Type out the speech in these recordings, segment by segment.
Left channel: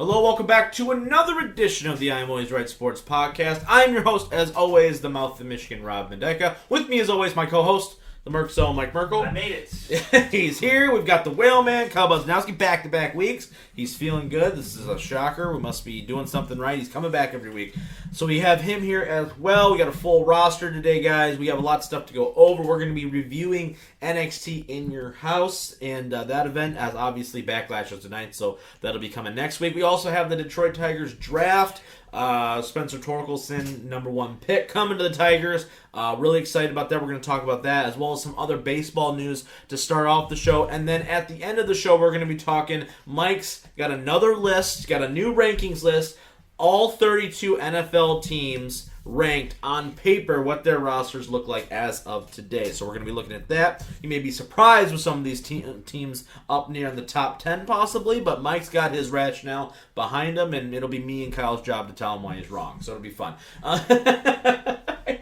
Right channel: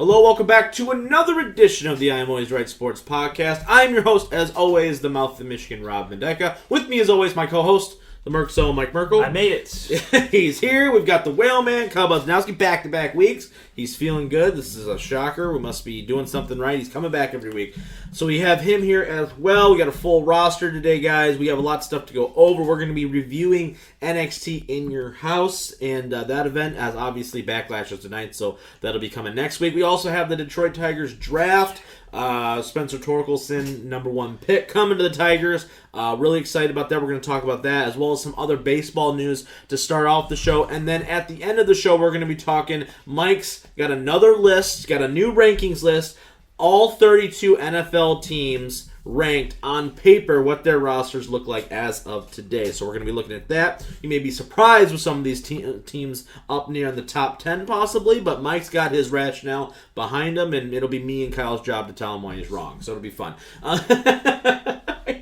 Hello, welcome back to another edition of the I'm Always Right Sports Podcast. I'm your host, as always, the Mouth of Michigan, Rob Mendeca. With me, as always, my co-host, the Merc Zone, Mike Merkel. I made it. He's here. We've got the Whale Man, Kyle Buznowski, back-to-back weeks. He's feeling good. This is a shocker. We must be doing something right. He's coming back every week. So we have him here as well. We got a full roster today, guys. We have a lot of stuff to go over. We're going to be reviewing NXT in your house, and that event has obviously Backlash is tonight, so that'll be coming next week. We also have the Detroit Tigers draft. Spencer Torkelson, number one pick, coming to the Tigers. Really excited about that. We're going to talk about that, as well as some other baseball news to start off the show. And then at the end of the show, we're going to be talking. Mike's got another list, got a new rankings list. All 32 NFL teams ranked on paper, what their rosters look like as of today. So we're going to be looking at that. You may be surprised with some of these teams up near in the top 10 possibly, but Mike's got his rationale behind him, and it'll be me and Kyle's job to tell him why he's wrong. So it'll be fun.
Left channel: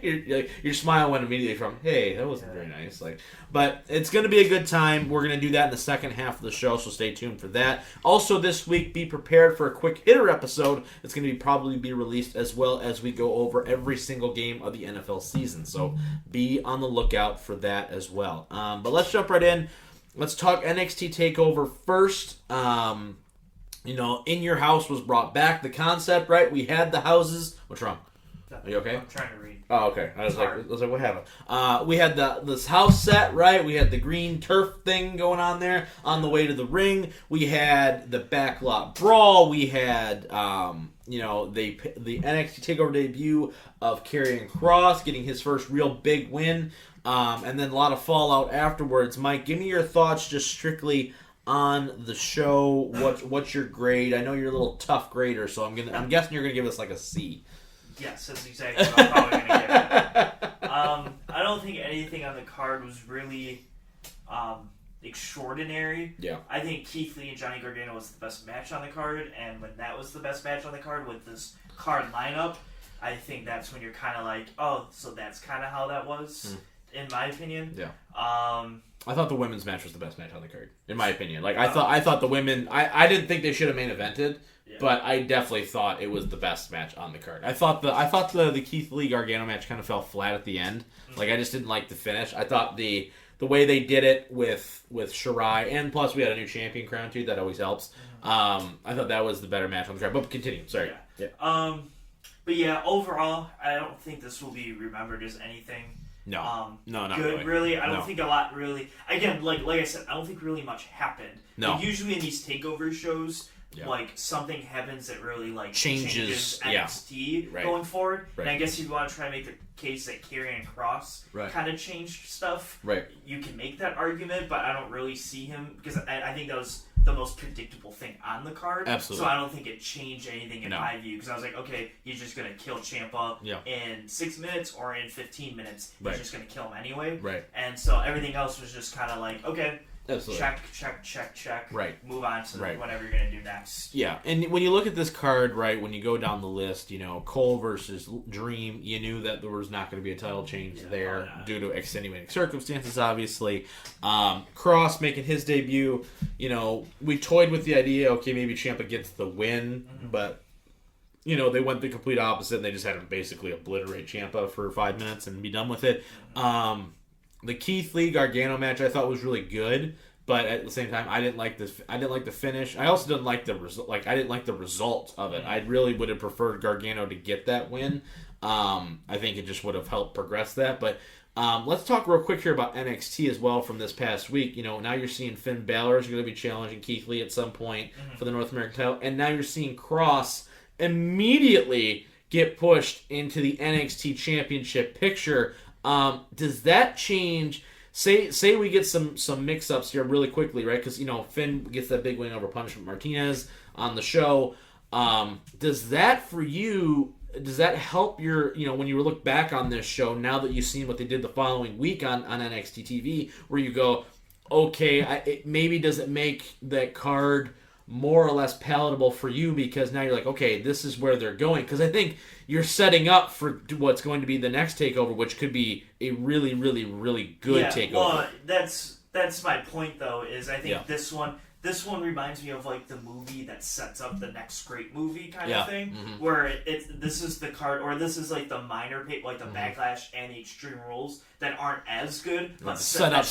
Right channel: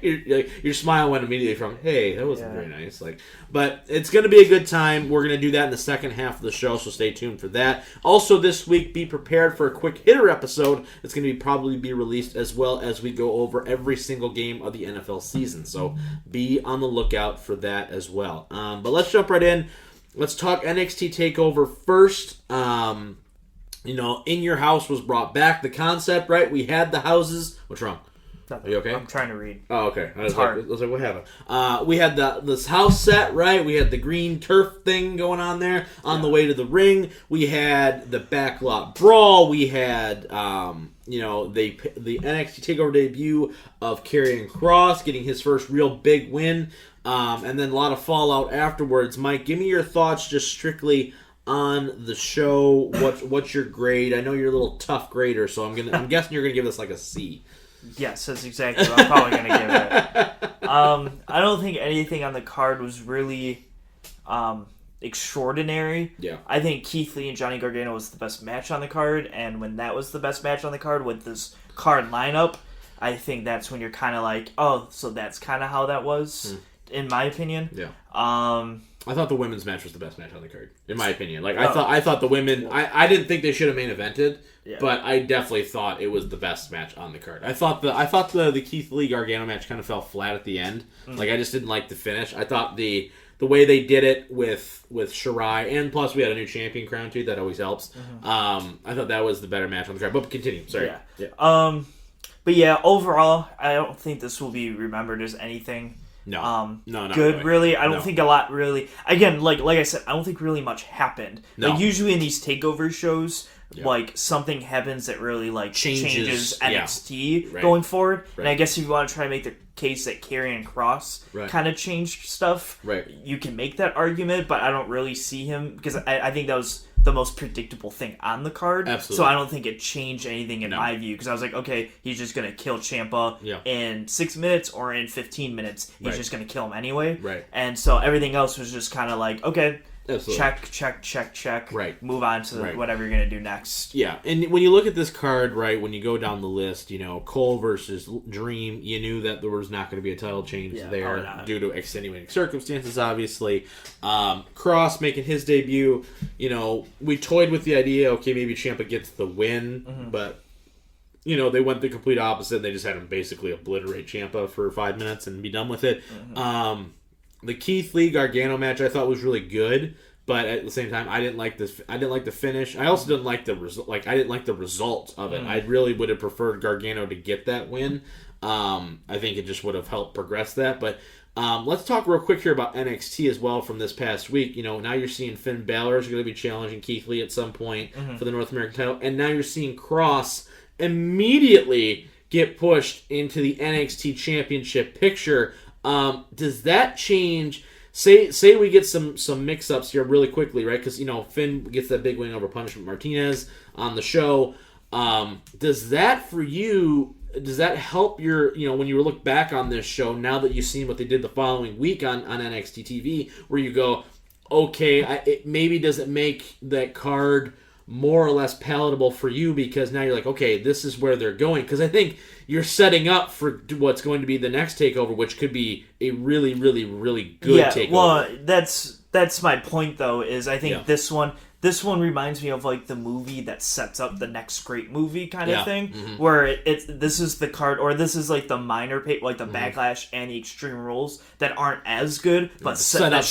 Your smile went immediately from, hey, that wasn't very nice. But it's going to be a good time. We're going to do that in the second half of the show, so stay tuned for that. Also this week, be prepared for a quick hitter episode. It's going to probably be released as well as we go over every single game of the NFL season. So be on the lookout for that as well. But let's jump right in. Let's talk NXT TakeOver first. In Your House was brought back. The concept, right? We had the houses. What's wrong? Nothing. Are you okay? I'm trying to read. Oh, okay. I was like, what happened? We had this house set, right? We had the green turf thing going on there on the way to the ring. We had the backlot brawl. We had, the NXT TakeOver debut of Karrion Kross getting his first real big win, and then a lot of fallout afterwards. Mike, give me your thoughts just strictly on the show. What's your grade? I know you're a little tough grader, so I'm guessing you're gonna give this like a C. Yes, that's exactly what I'm probably going to give it. I don't think anything on the card was really extraordinary. Yeah. I think Keith Lee and Johnny Gargano was the best match on the card, and when that was the best match on the card with this card lineup, I think that's when you're kind of like, oh, so that's kind of how that was, in my opinion. Yeah. I thought the women's match was the best match on the card, in my opinion. I thought the women. I didn't think they should have main evented, but I definitely thought it was the best match on the card. I thought the Keith Lee Gargano match kind of fell flat at the end. I just didn't like the finish. I thought the way they did it with Shirai, and plus we had a new champion crown too. That always helps. I thought that was the better match on the card. But continue. Sorry. Yeah. But yeah, overall, I don't think this will be remembered as anything. No, not good. Really, I don't think a lot really. Again, like I said, I don't think really much happened. No. Usually in these takeover shows, something happens that really changes NXT going forward. Right. And I guess if you want to try to make the case that Karrion Kross kind of changed stuff, you can make that argument. But I don't really see him because I think that was the most predictable thing on the card. Absolutely. So I don't think it changed anything in my view, because I was like, okay, he's just going to kill Ciampa in 6 minutes or in 15 minutes. He's just going to kill him anyway. Right. And so everything else was just kind of like, okay, absolutely. check. Right. Move on to whatever you're going to do next. Yeah, and when you look at this card, right, when you go down the list, Cole versus Dream, you knew that there was not going to be a title change there due to extenuating circumstances, obviously. Cross making his debut, we toyed with the idea, okay, maybe Ciampa gets the win, but, they went the complete opposite, and they just had him basically obliterate Ciampa for 5 minutes and be done with it. The Keith Lee Gargano match I thought was really good, but at the same time I didn't like this. I didn't like the finish. I also didn't like the result. I didn't like the result of it. I really would have preferred Gargano to get that win. I think it just would have helped progress that. But let's talk real quick here about NXT as well from this past week. Now you're seeing Finn Balor is going to be challenging Keith Lee at some point for the North American title, and now you're seeing Cross immediately get pushed into the NXT Championship picture. Does that change? Say we get some mix-ups here really quickly, right? Because, Finn gets that big win over Punishment Martinez on the show. Does that help your, when you look back on this show, now that you've seen what they did the following week on NXT TV, where you go, okay, maybe does it make that card more or less palatable for you, because now you're like, okay, this is where they're going? Because I think you're setting up for what's going to be the next takeover, which could be a really, really, really good takeover. Well, that's my point, though, is I think this this one reminds me of like the movie that sets up the next great movie kind of thing, where this is the card, or this is like the minor like the Backlash and the Extreme Rules that aren't as good, but set up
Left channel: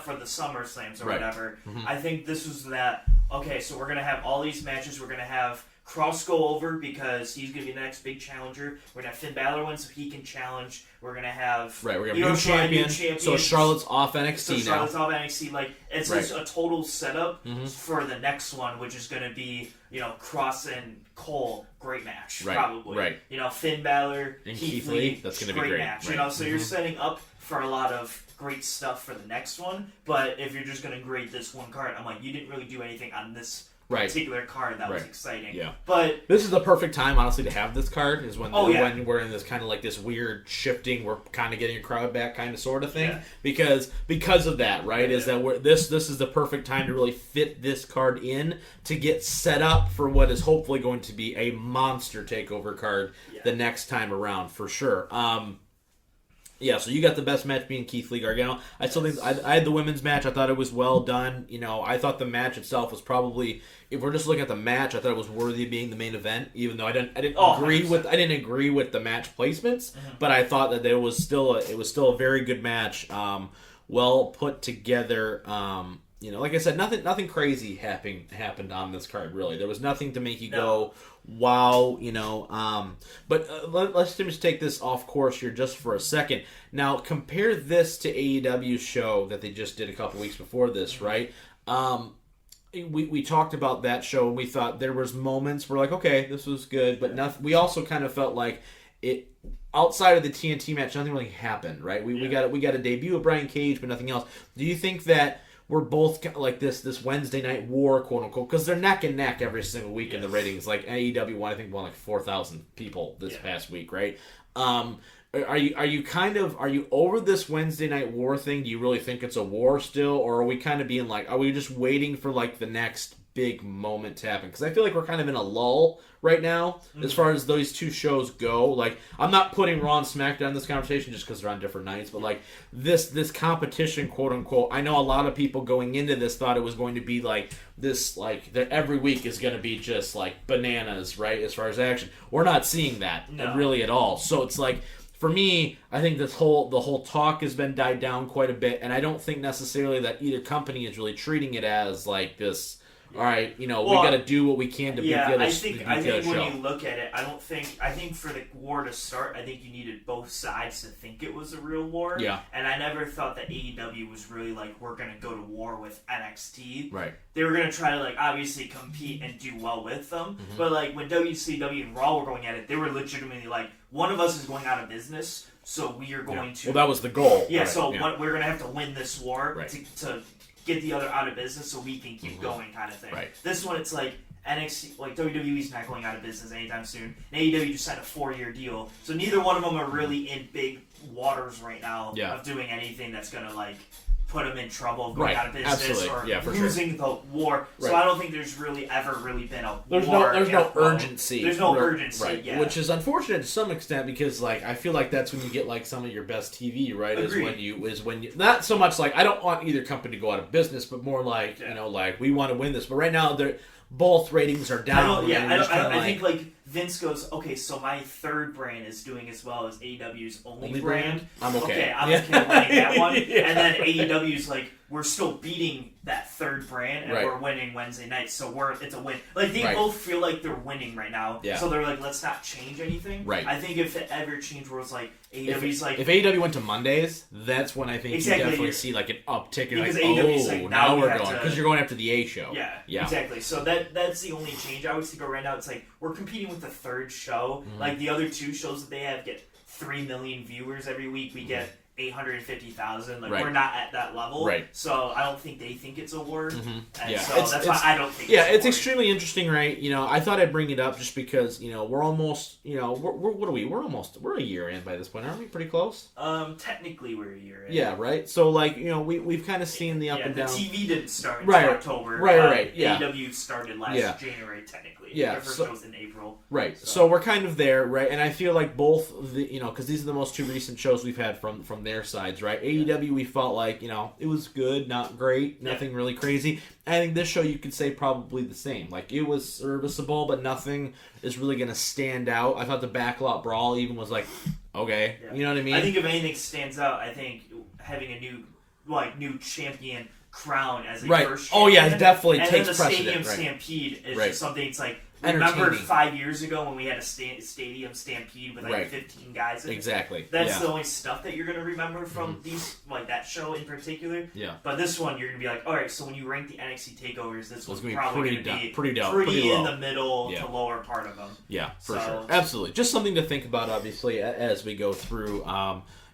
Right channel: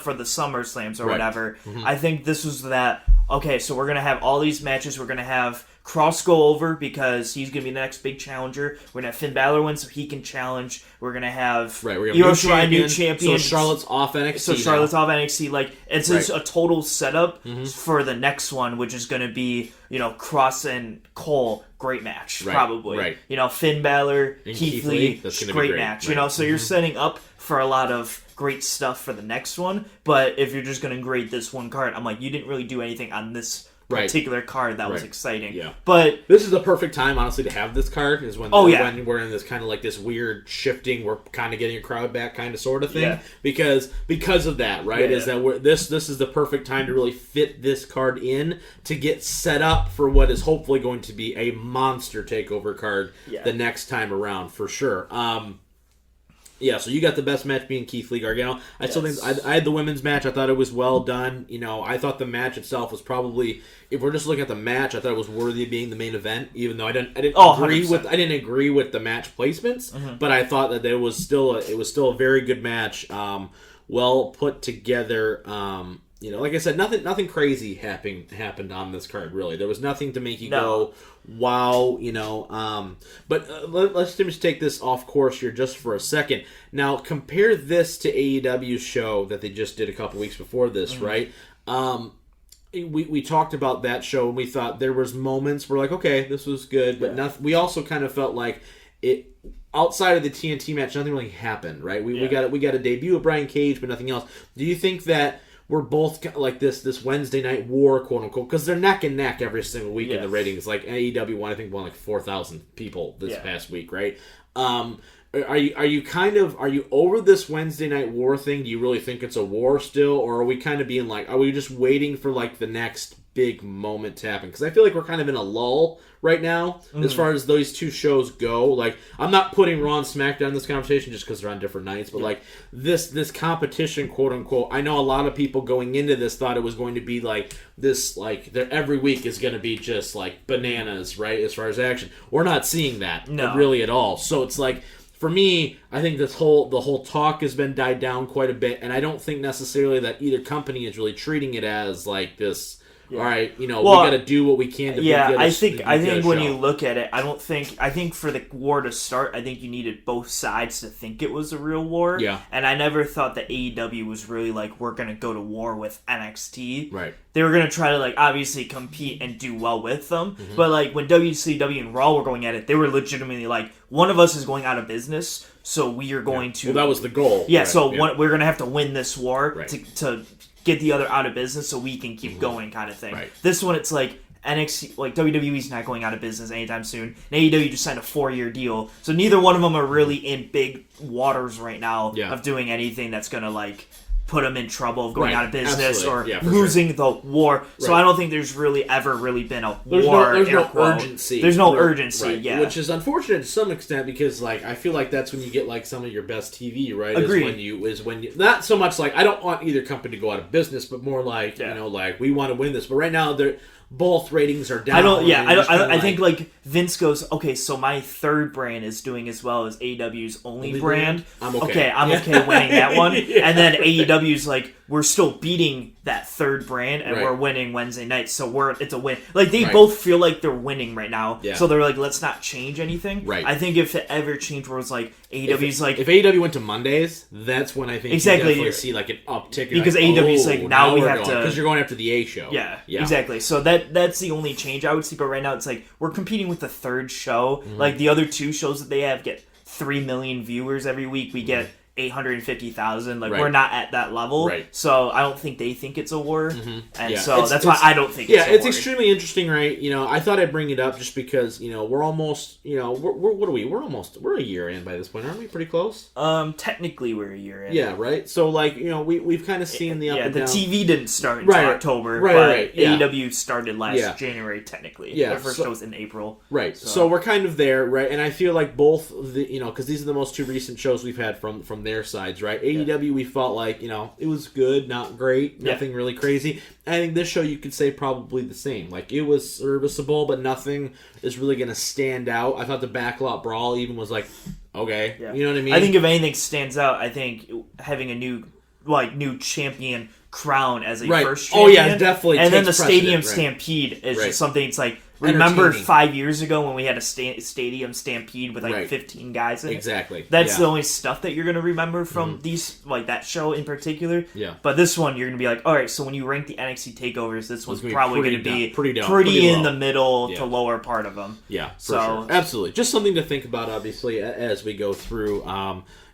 for the SummerSlams or whatever. I think this was that. Okay, so we're gonna have all these matches. We're gonna have Cross go over because he's going to be the next big challenger. We're going to have Finn Balor win so he can challenge. We're going to have we're going to have new champion. So Charlotte's off NXT Like, it's just a total setup for the next one, which is going to be, Cross and Cole. Great match, probably. Right. Finn Balor, and Keith Lee. That's going to be great match. So you're setting up for a lot of great stuff for the next one. But if you're just going to grade this one card, I'm like, you didn't really do anything on this particular card that was exciting. Yeah. But this is the perfect time, honestly, to have this card, is when we're in this kind of like this weird shifting, we're kind of getting a crowd back kind of sort of thing. Because of that, right? Is that this is the perfect time to really fit this card in to get set up for what is hopefully going to be a monster takeover card the next time around, for sure. Yeah, so you got the best match being Keith Lee Gargano. I still think I had the women's match. I thought it was well done. I thought the match itself was probably, if we're just looking at the match, I thought it was worthy of being the main event. Even though I didn't agree with the match placements, but I thought that it was still a very good match. Well put together. Like I said, nothing crazy happened on this card, really. There was nothing to make you go, wow, But let's just take this off course here just for a second. Now, compare this to AEW's show that they just did a couple weeks before this, right? We talked about that show, and we thought there was moments where, like, okay, this was good, but nothing. We also kind of felt like it... Outside of the TNT match, nothing really happened, right? We got a debut of Brian Cage, but nothing else. Do you think that we're both like this Wednesday night war, quote unquote, because they're neck and neck every single week in the ratings? Like AEW won, I think, like 4,000 people this past week, right? Are you over this Wednesday night war thing? Do you really think it's a war still, or are we kind of being like, are we just waiting for like the next big moment to happen? Because I feel like we're kind of in a lull right now as far as those two shows go. Like, I'm not putting Raw and SmackDown in this conversation just because they're on different nights, but like this competition, quote unquote, I know a lot of people going into this thought it was going to be like this, like every week is going to be just like bananas, right? As far as action, we're not seeing that really at all. So it's like, for me, I think the whole talk has been died down quite a bit, and I don't think necessarily that either company is really treating it as like this. All right, we got to do what we can to get I think when you look at it, I think for the war to start, I think you needed both sides to think it was a real war. Yeah. And I never thought that AEW was really like, we're going to go to war with NXT. Right. They were going to try to like obviously compete and do well with them. Mm-hmm. But like when WCW and Raw were going at it, they were legitimately like, one of us is going out of business, so we are going to... Well, that was the goal. Yeah, right. We're going to have to win this war to get the other out of business so we can keep going, kind of thing. Right. This one, it's like NXT, like WWE's not going out of business anytime soon. And AEW just signed a 4-year deal, so neither one of them are really in big waters right now of doing anything that's gonna like put them in trouble of going out of business or losing the war. So I don't think there's really ever really been a war. There's no urgency. There's no urgency, which is unfortunate to some extent because like I feel like that's when you get like some of your best TV, right? Agreed. Is when you not so much like I don't want either company to go out of business, but more like like we want to win this. But right now both ratings are down. I think like Vince goes, okay, so my third brand is doing as well as AEW's only brand. I'm okay. I'm okay winning that one. And then AEW's like, we're still beating that third brand and we're winning Wednesday nights, so it's a win. Like they both feel like they're winning right now. Yeah. So they're like, let's not change anything. Right. I think if it ever changed where it's like AEW's if AEW went to Mondays, that's when I think you definitely see like an uptick because AEW's like now we have to, because you're going after the A show. Yeah. Exactly. So that's the only change I would see. But right now it's like we're competing with the third show. Mm-hmm. Like the other two shows that they have get 3 million viewers every week. We get 850,000. Like we're not at that level. Right. So I don't think they think it's a war. Mm-hmm. And so that's why I don't think it's extremely interesting, right? I thought I'd bring it up just because, we're almost, what are we? We're a year in by this point, aren't we? Pretty close? Technically we're a year in. Yeah, right? So like, we've kind of seen the up and down. The TV didn't start until October. Right. Yeah. AEW started last January technically. Yeah. The first show was in April. Right. So we're kind of there, right? And I feel like both the, because these are the most two recent shows we've had from from their sides, right? AEW, we felt like, it was good, not great, nothing really crazy. I think this show you could say probably the same. Like, it was serviceable, but nothing is really going to stand out. I thought the Backlot Brawl even was like, okay, you know what I mean? I think if anything stands out, I think having a new champion crown as a first champion. Oh, yeah, it definitely and takes then the precedent, Stadium right. Stampede is just something, it's like, remember 5 years ago when we had a Stadium Stampede with 15 guys in it? Exactly. That's the only stuff that you're going to remember from these, like that show in particular. Yeah. But this one, you're going to be like, all right, so when you rank the NXT takeovers, this one's probably going to be pretty in the middle to lower part of them. Yeah, for sure. Absolutely. Just something to think about, obviously, as we go through.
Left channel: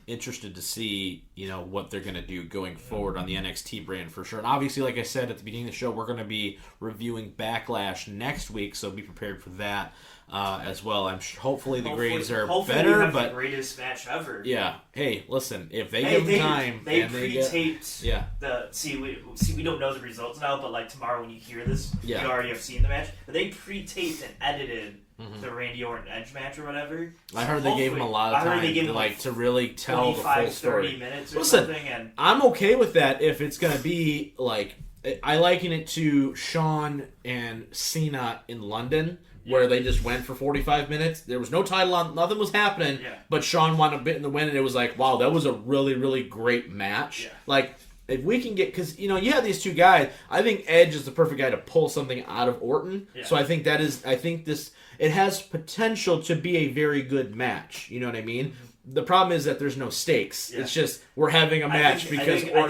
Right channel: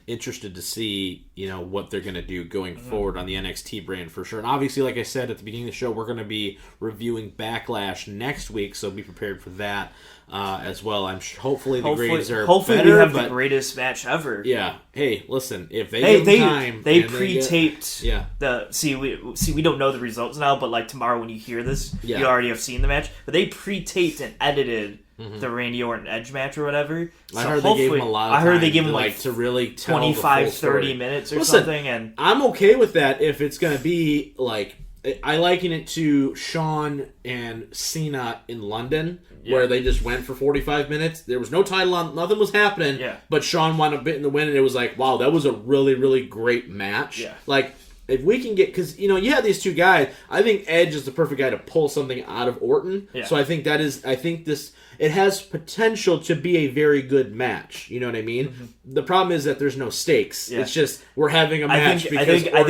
Interested to see, what they're going to do going forward on the NXT brand for sure. And obviously, like I said at the beginning of the show, we're going to be reviewing Backlash next week, so be prepared for that as well. Hopefully the grades are better. We have the greatest match ever. Yeah. Hey, listen, if they give them time, they pre-taped. We don't know the results now, but like tomorrow when you hear this, you already have seen the match. But they pre-taped and edited. The Randy Orton Edge match or whatever. I heard they gave him a lot of time. I heard they gave him to really tell 25, the full story. 30 minutes or something. And I'm okay with that if it's going to be like, I liken it to Shawn and Cena in London, where they just went for 45 minutes. There was no title on, nothing was happening, but Shawn won a bit in the win, and it was like, wow, that was a really, really great match. Yeah. Like, if we can get, because you have these two guys, I think Edge is the perfect guy to pull something out of Orton. Yeah. So I think it has potential to be a very good match. You know what I mean? Mm-hmm. The problem is that there's no stakes. Yeah. It's just we're having a match because I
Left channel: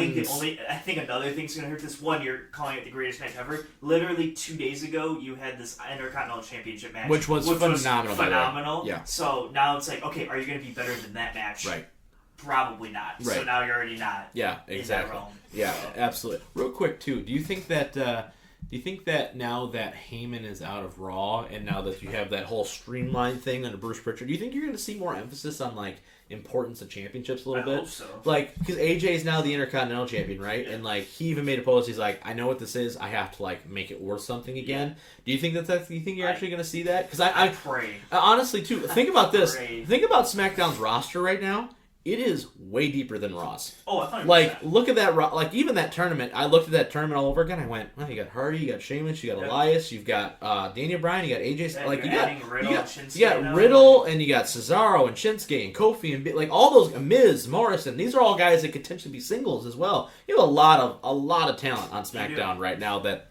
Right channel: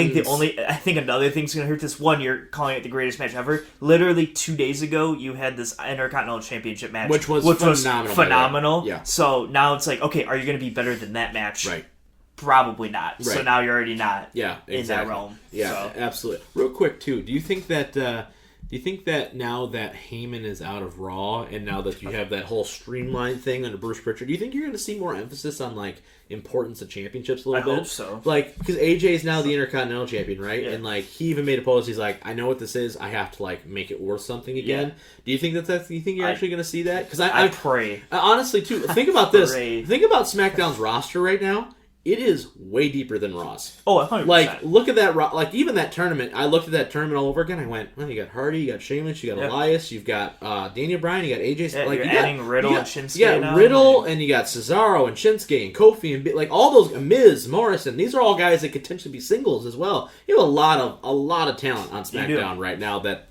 think another thing's gonna hurt this one. You're calling it the greatest match ever. Literally 2 days ago, you had this Intercontinental Championship match, which was phenomenal. Yeah. So now it's like, okay, are you gonna be better than that match? Right. Probably not. Right. So now you're already not. Yeah, exactly. In that realm. Yeah, absolutely. Real quick too, do you think that now that Heyman is out of Raw and now that you have that whole streamlined thing under Bruce Pritchard, do you think you're going to see more emphasis on like importance of championships a little bit? I hope so. Like, because AJ is now the Intercontinental Champion, right? Yeah. And like he even made a post. He's like, I know what this is. I have to like make it worth something again. Yeah. Do you think that's? Do you think you're actually going to see that? Because I pray. Honestly, too. Think about this. Think about SmackDown's roster right now. It is way deeper than Raw's. Oh, 100%. Like, look at that. Like, even that tournament. I looked at that tournament all over again. I went, well, you got Hardy, you got Sheamus, you got Elias, you've got Daniel Bryan, you got AJ. Yeah, like, you got Riddle and Shinsuke. You got Riddle, and you got Cesaro and Shinsuke and Kofi and like all those Miz, Morrison. These are all guys that could potentially be singles as well. You have a lot of talent on SmackDown right now that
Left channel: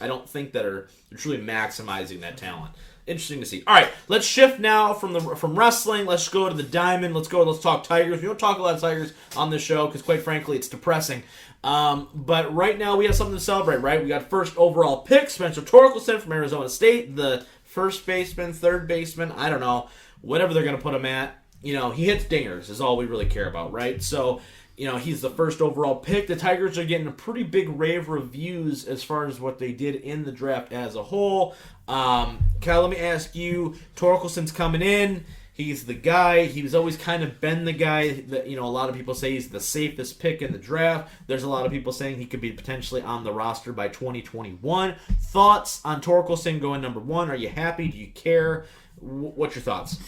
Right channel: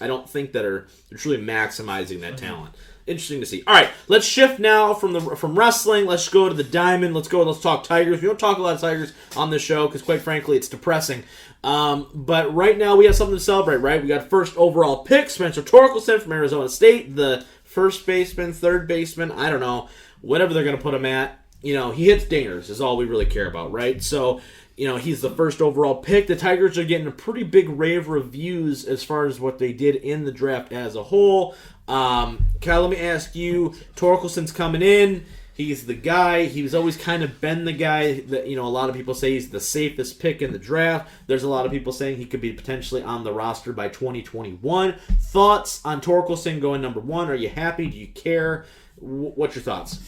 I don't think that they're truly maximizing that talent. Interesting to see. All right, let's shift now from wrestling. Let's go to the Diamond. Let's talk Tigers. We don't talk a lot of Tigers on this show because, quite frankly, it's depressing. But right now we have something to celebrate, right? We got first overall pick, Spencer Torkelson from Arizona State, the first baseman, third baseman, I don't know, whatever they're going to put him at. He hits dingers is all we really care about, right? So, he's the first overall pick. The Tigers are getting a pretty big rave reviews as far as what they did in the draft as a whole. Kyle, let me ask you, Torkelson's coming in. He's the guy. He's always kind of been the guy that, a lot of people say he's the safest pick in the draft. There's a lot of people saying he could be potentially on the roster by 2021. Thoughts on Torkelson going number one? Are you happy? Do you care? What's your thoughts?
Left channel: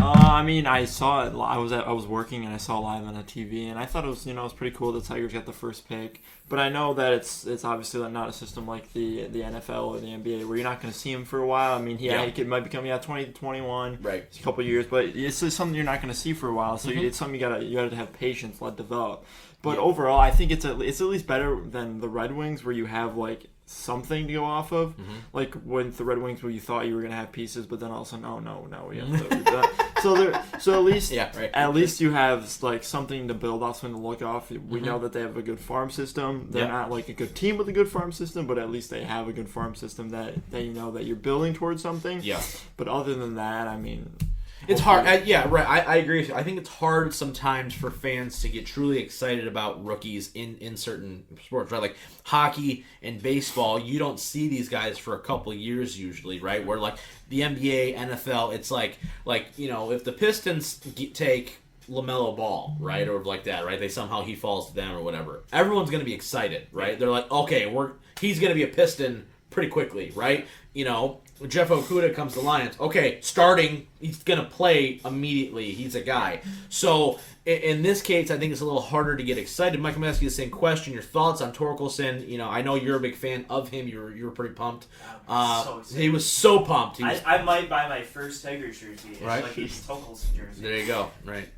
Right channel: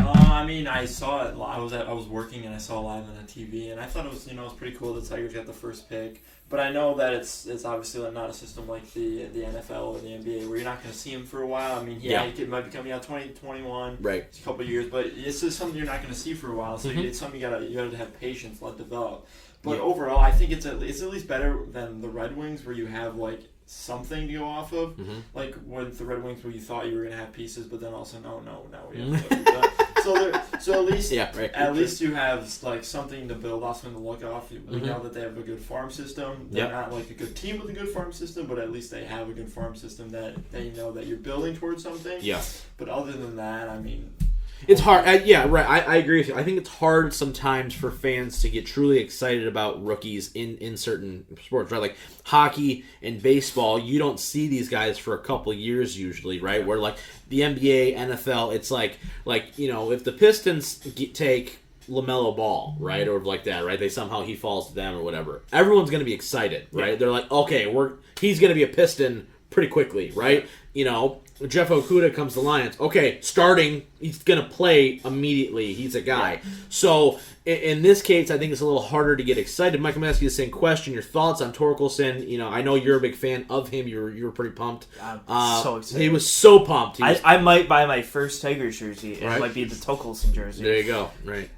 I saw it. I was working and I saw it live on the TV, and I thought it was, it was pretty cool that Tigers got the first pick. But I know that it's obviously not a system like the NFL or the NBA where you're not going to see him for a while. He might be coming out 2021, right? It's a couple of years, but it's just something you're not going to see for a while. So it's something you gotta have patience, let develop. But overall, I think it's at least better than the Red Wings where you have like something to go off of. Like with the Red Wings where you thought you were going to have pieces, but then also no, we have to. So at least at least you have like something to build off, something to look off. We know that they have a good farm system. They're not like a good team with a good farm system, but at least they have a good farm system that they know that you're building towards something. Yeah. But other than that, it's hard. I agree with you. I think it's hard sometimes for fans to get truly excited about rookies in certain sports, right? Like hockey and baseball, you don't see these guys for a couple years usually, right? Where like the NBA, NFL, it's like if the Pistons take LaMelo Ball, right, or like that, right? He falls to them or whatever. Everyone's going to be excited, right? They're like, okay, he's going to be a Piston pretty quickly, right? You know, Jeff Okuda comes to Lions. Okay, starting, he's going to play immediately. He's a guy. So, in this case, I think it's a little harder to get excited. Mike, I'm going to ask you the same question. Your thoughts on Torkelson? You know, I know you're a big fan of him. You were pretty pumped. I'm so excited. He was so pumped. I might buy my first Tigers jersey. It Right. might be the Torkelson jersey. There you go. Right.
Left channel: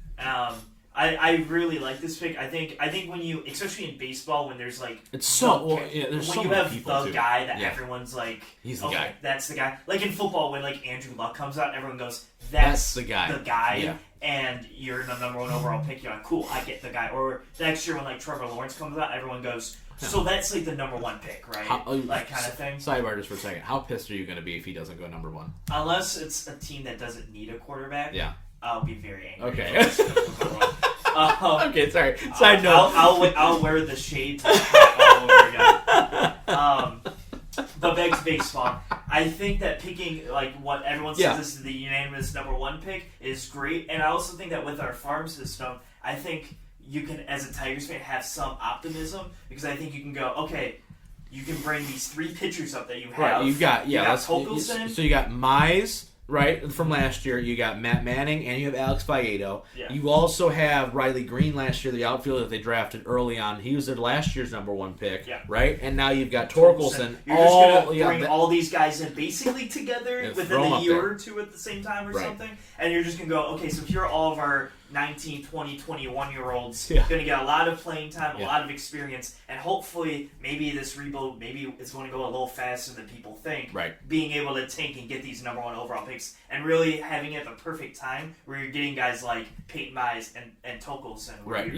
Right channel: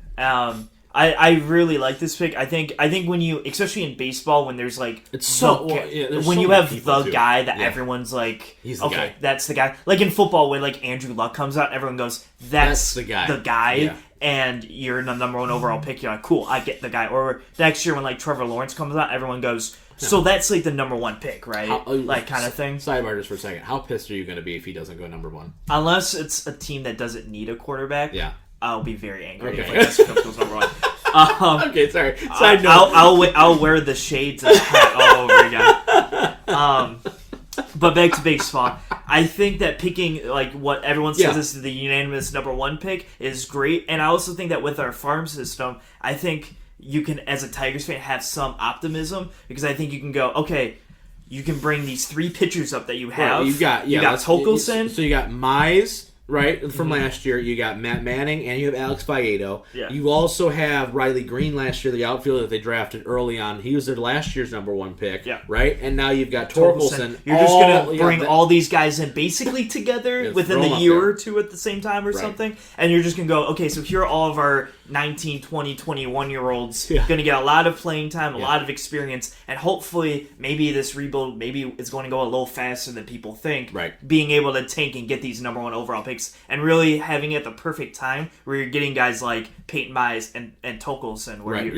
I really like this pick. I think when you, especially in baseball, when there's like It's so when so you many have people, the too. guy that Yeah. everyone's like, He's the guy. that's the guy. Like in football, when like Andrew Luck comes out, everyone goes, that's the guy. The guy. Yeah. And you're the number 1 overall pick. You're like, cool, I get the guy. Or next year when like Trevor Lawrence comes out, everyone goes, so that's like the number 1 pick, right? Like kind of thing. Sidebar just for a second. How pissed are you going to be if he doesn't go number 1? Unless it's a team that doesn't need a quarterback. Yeah. I'll be very angry. Okay. If this goes number 1. Okay, sorry. Side note. I'll wear the shades and all over again. But back to baseball. I think that picking, like, what everyone says this is the unanimous number 1 pick is great. And I also think that with our farm system, I think you can, as a Tigers fan, have some optimism. Because I think you can go, okay, you can bring these 3 pitchers up that you have. Right, you got Torkelson. So you got Mize, right, from last year. You got Matt Manning, and you have Alex Faedo. Yeah. You also have Riley Green last year, the outfielder that they drafted early on. He was their last year's number 1 pick, right? And now you've got Torkelson. You're just going to bring all these guys in basically together within a year or 2 at the same time or something. And you're just going to go, okay, so here are all of our 19, 20, 21-year-olds going to get a lot of playing time, a lot of experience, and hopefully maybe this rebuild, maybe it's going to go a little faster than people think. Right. Being able to tank and get these number 1 overall picks and really having it at the perfect time where you're getting guys like Peyton Mize and Torkelson. Right.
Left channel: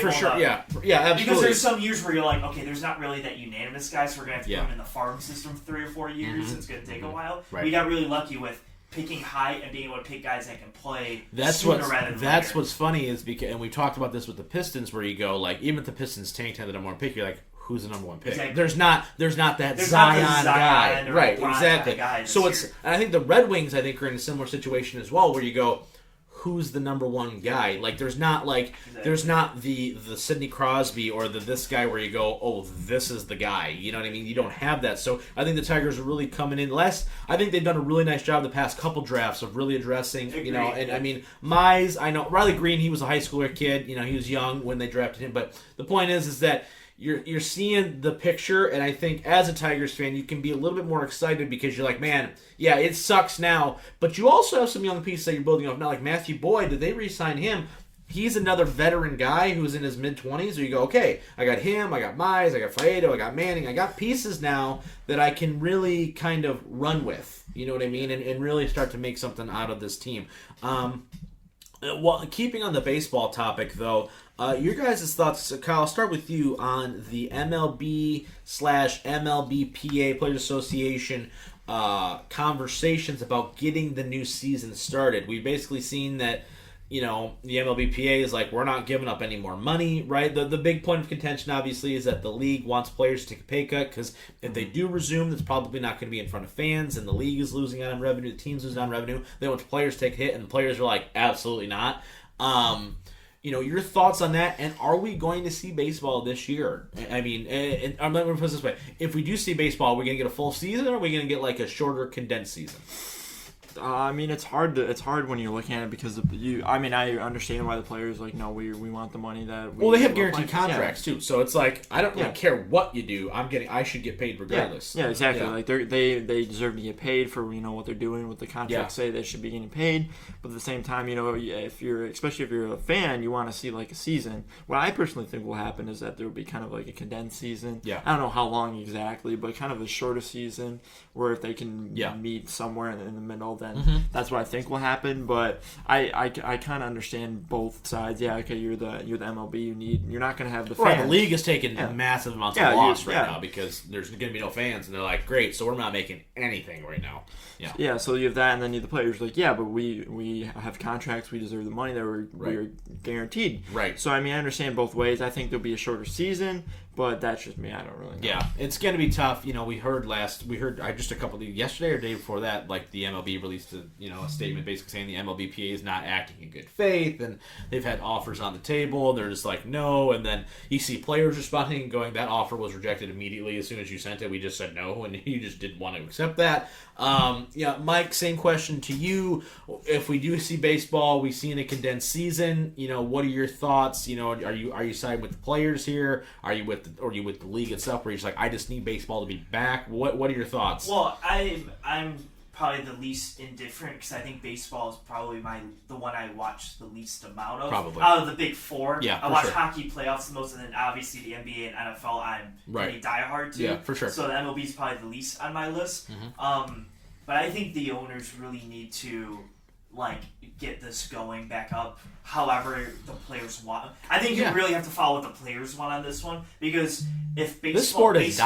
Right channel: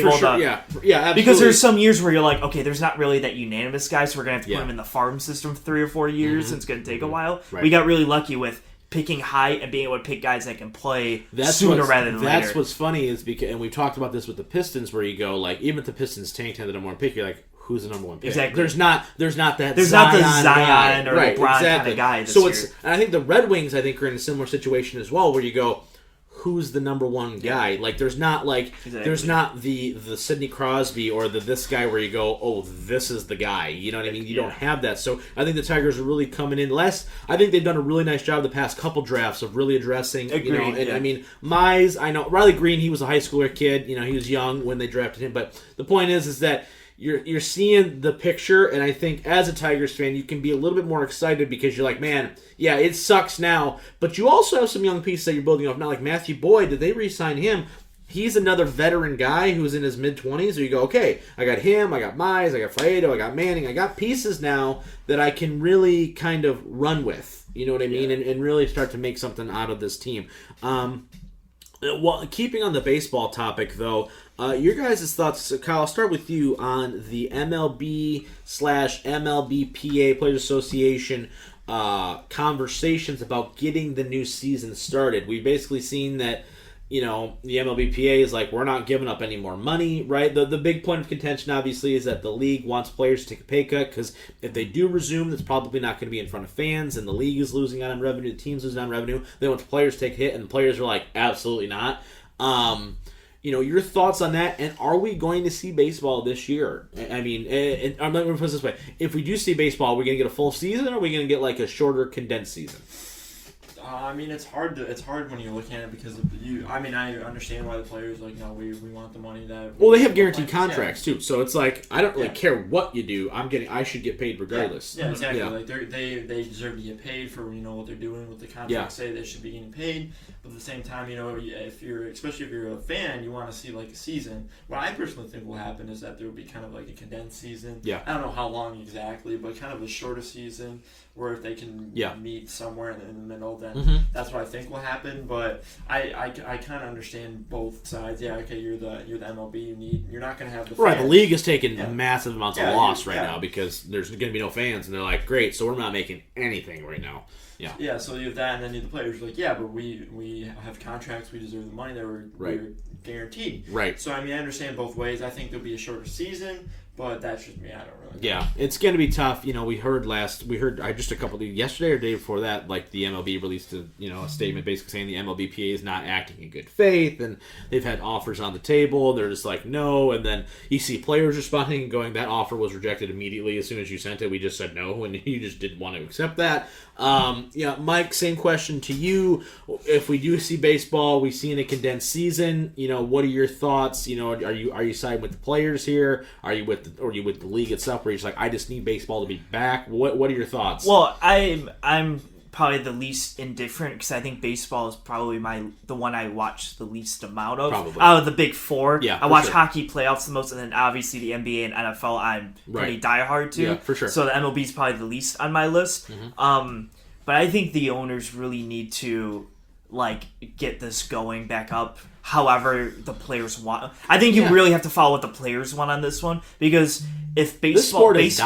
For sure. Yeah, absolutely. Because there's some years where you're like, okay, there's not really that unanimous guy, so we're going to have to put him in the farm system for 3 or 4 years. It's going to take a while. Right. We got really lucky with picking high and being able to pick guys that can play sooner rather than later. That's what's funny is because, and we've talked about this with the Pistons, where you go like, even if the Pistons tanked had the number 1 pick, you're like, who's the number 1 pick? Exactly. There's not that There's Zion, not the Zion guy, or right? LeBron Exactly. kind of guy this So year. and I think the Red Wings, I think, are in a similar situation as well, where you go, who's the number 1 guy? Like, there's not there's not the Sidney Crosby or this guy where you go, oh, this is the guy. You know what I mean? You don't have that. So I think the Tigers are really coming in less. I think they've done a really nice job the past couple drafts of really addressing, Agreed, you know, and I mean, Mize, I know Riley Green, he was a high schooler kid. You know, he was young when they drafted him. But the point is that you're seeing the picture, and I think as a Tigers fan, you can be a little bit more excited because you're like, man, yeah, it sucks now, but you also have some young pieces that you're building off now, like Matthew Boyd. Did they re-sign him? He's another veteran guy who's in his mid-20s, where you go, okay, I got him, I got Mize, I got Faedo, I got Manning, I got pieces now that I can really kind of run with, you know what I mean, and really start to make something out of this team. Well, keeping on the baseball topic, though, your guys' thoughts, Kyle, I'll start with you on the MLB/MLBPA Players Association conversations about getting the new season started. We've basically seen that, you know, the MLBPA is like, we're not giving up any more money, right? The big point of contention, obviously, is that the league wants players to take a pay cut, because if they do resume, that's probably not going to be in front of fans, and the league is losing out on revenue, the team's losing out on revenue. They want players to take a hit, and the players are like, absolutely not. You know, your thoughts on that, and are we going to see baseball this year? I mean, I'm going to put it this way. If we do see baseball, are we going to get a full season, or are we going to get like a shorter, condensed season? I mean, it's hard when you're looking at it because I mean, I understand why the players like, no, we want the money that. Well, they have guaranteed contracts too, so it's like, I don't really care what you do. I should get paid regardless. Yeah, exactly. Yeah. Like they deserve to get paid for, you know, what they're doing. What the contracts say, they should be getting paid. But at the same time, you know, especially if you're a fan, you want to see like a season. What I personally think will happen is that there will be kind of like a condensed season. Yeah. I don't know how long exactly, but kind of a shorter season where if they can meet somewhere in the middle, then that's what I think will happen. But I kind of understand both sides. Yeah, okay, you're the MLB. You're not going to have the fans. Right. The league is taking massive amounts of loss right now because there's going to be no fans, and they're like, great, so we're not making anything right now. Yeah. Yeah. So you have that, and then the players are like, yeah, but we have contracts. We deserve the money that we're guaranteed. Right. So I mean, I understand both ways. I think there'll be a shorter season, But that's just me. I don't really know. Yeah, it's going to be tough. We heard just a couple of yesterday or day before that, like the MLB released a statement basically saying the MLBPA is not acting in good faith, and they've had offers on the table. They're just like, no, and then you see players responding and going, that offer was rejected immediately as soon as you sent it. We just said no, and you just didn't want to accept that. Mike, same question to you. If we do see baseball, we see in a condensed season, what are your thoughts? Are you siding with the players here? Are you with the league itself, where you're just like, I just need baseball to be back? What are your thoughts? Well, I'm probably the least indifferent because I think baseball is probably the one I watch the least amount of. Probably. Out of the big four. Yeah, I watch hockey playoffs the most, and then obviously the NBA and NFL I'm pretty diehard to. Yeah, for sure. So the MLB is probably the least on my list. Mm-hmm. But I think the owners really need to get this going back up however the players want. I think you really have to follow what the players want on this one, because if baseball is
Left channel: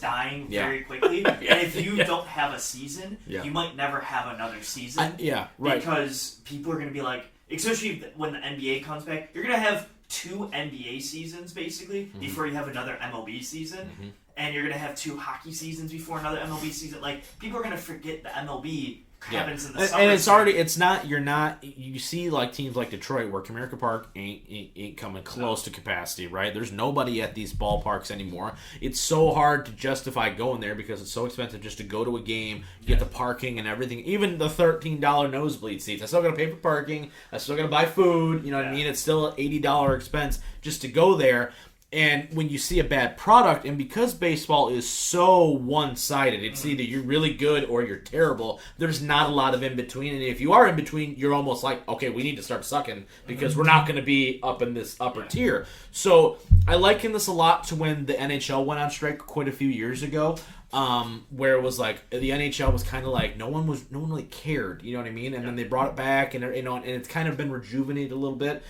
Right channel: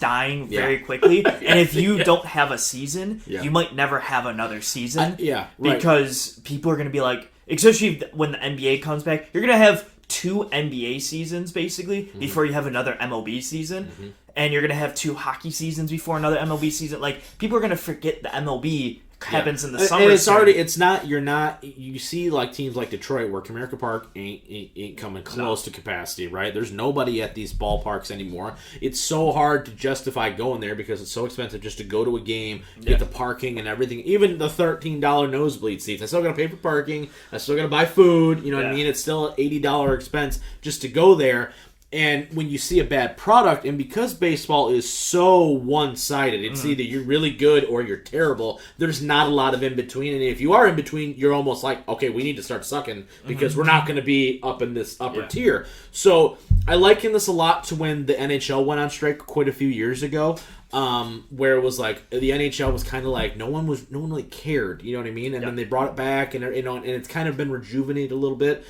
dying very quickly, and if you don't have a season, you might never have another season. Because people are going to be like, especially when the NBA comes back, you're going to have 2 NBA seasons basically before you have another MLB season. And you're going to have 2 hockey seasons before another MLB season. People are going to forget the MLB happens in the summer. And you see teams like Detroit where Comerica Park ain't coming close to capacity, right? There's nobody at these ballparks anymore. It's so hard to justify going there because it's so expensive just to go to a game, get the parking and everything. Even the $13 nosebleed seats. I still got to pay for parking. I still got to buy food. You know what I mean? It's still an $80 expense just to go there. And when you see a bad product, and because baseball is so one-sided, it's either you're really good or you're terrible. There's not a lot of in-between. And if you are in between, you're almost like, okay, we need to start sucking because we're not going to be up in this upper tier. So I liken this a lot to when the NHL went on strike quite a few years ago. Where it was like the NHL was kind of like no one really cared, you know what I mean? And then they brought it back, and it's kind of been rejuvenated a little bit.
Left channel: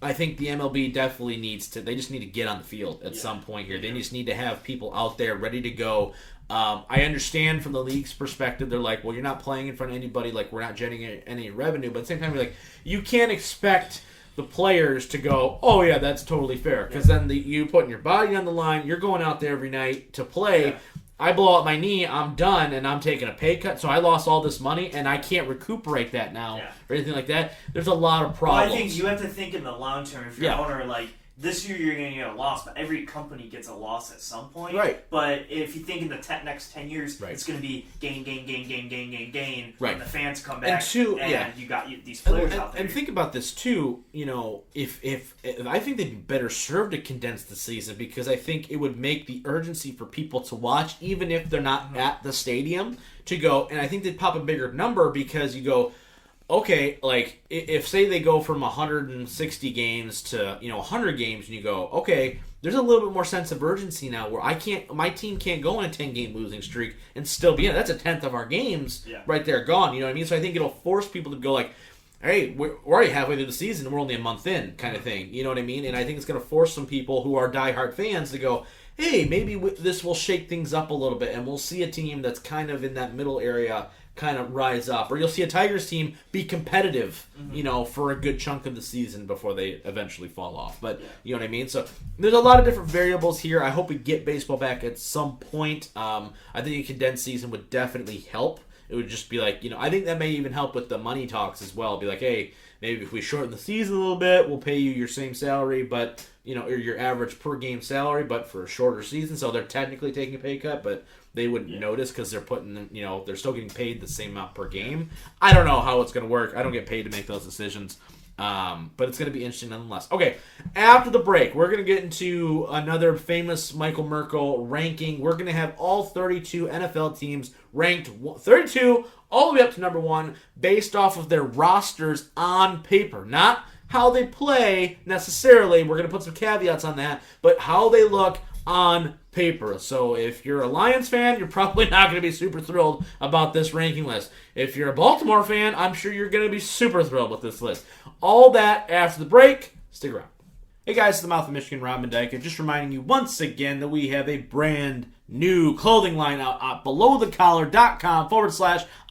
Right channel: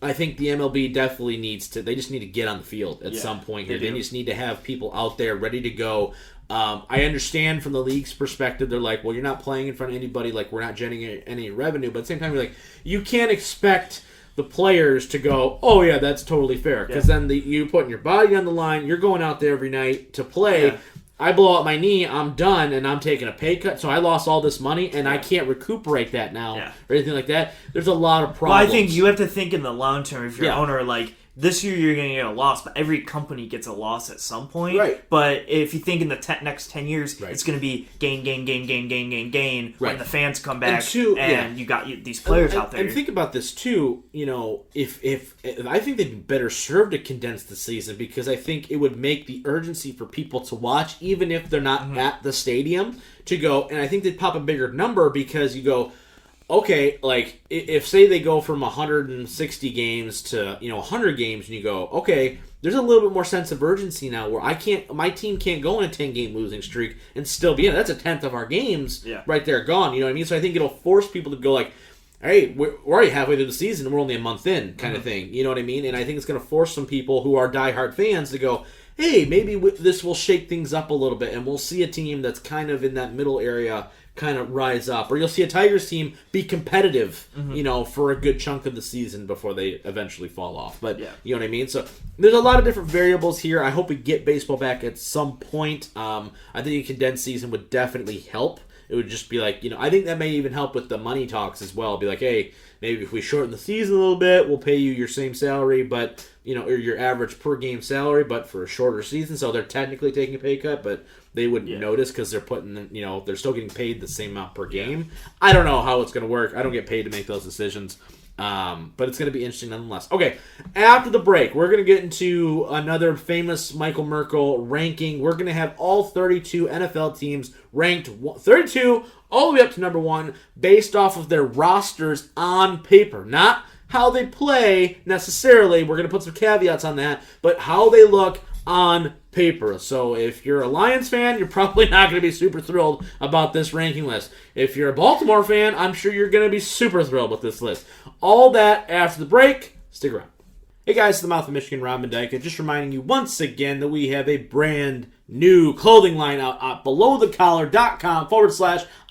I think the MLB definitely they just need to get on the field at some point here. They just need to have people out there ready to go. I understand from the league's perspective, they're like, well, you're not playing in front of anybody, we're not generating any revenue, but at the same time, you're like, you can't expect the players to go, oh yeah, that's totally fair, because then you putting your body on the line, you're going out there every night to play. I blow out my knee, I'm done, and I'm taking a pay cut, so I lost all this money, and I can't recuperate that now, or anything like that. There's a lot of problems. Well, I think you have to think in the long term. If you're an owner, this year you're going to get a loss, but every company gets a loss at some point. Right. But if you think in the next 10 years, it's going to be gain when the fans come back, and you got these players out there. And think about this too, if I think they'd be better served to condense the season, because I think it would make the urgency for people to watch, even if they're not at the stadium, to go, and I think they'd pop a bigger number, because you go, okay, if say they go from 160 games to 100 games, and you go, okay, there's a little bit more sense of urgency now, where my team can't go on a 10-game losing streak and still be in it. That's a tenth of our games right there gone. You know what I mean? So I think it'll force people to go hey, we're already halfway through the season, and we're only a month in, kind of thing. You know what I mean? And I think it's going to force some people who are diehard fans to go, hey, maybe this will shake things up a little bit, and we'll see a team that's kind of in that middle area kind of rise up, or you'll see a Tigers team be competitive, for a good chunk of the season before they eventually fall off. But you know what I mean? So there's a lot of different variables here. I hope we get baseball back at some point. I think a condensed season would definitely help. It would just be I think that may even help with the money talks as well. Be like, hey, maybe if we shorten the season a little bit, we'll pay you your same salary, but or your average per game salary, but for a shorter season. So they're technically taking a pay cut, but they wouldn't notice because they're putting, they're still getting paid the same amount per game. I don't know how it's going to work. I don't get paid to make those decisions. But it's going to be interesting nonetheless. Okay, after the break, we're going to get into another famous Michael Merkel ranking. We're going to have all 32 NFL teams ranked 32 all the way up to number 1 based off of their rosters on paper. Not how they play necessarily. We're going to put some caveats on that, but how they look on paper. So if you're a Lions fan, you're probably not going to be super thrilled about this ranking list. If you're a Baltimore fan, I'm sure you're going to be super thrilled with this list. All that after the break. Stick around. Hey guys, it's the Mouth of Michigan, Rob Mendyka, just reminding you once again that we have a brand new clothing line out at belowthecollar.com/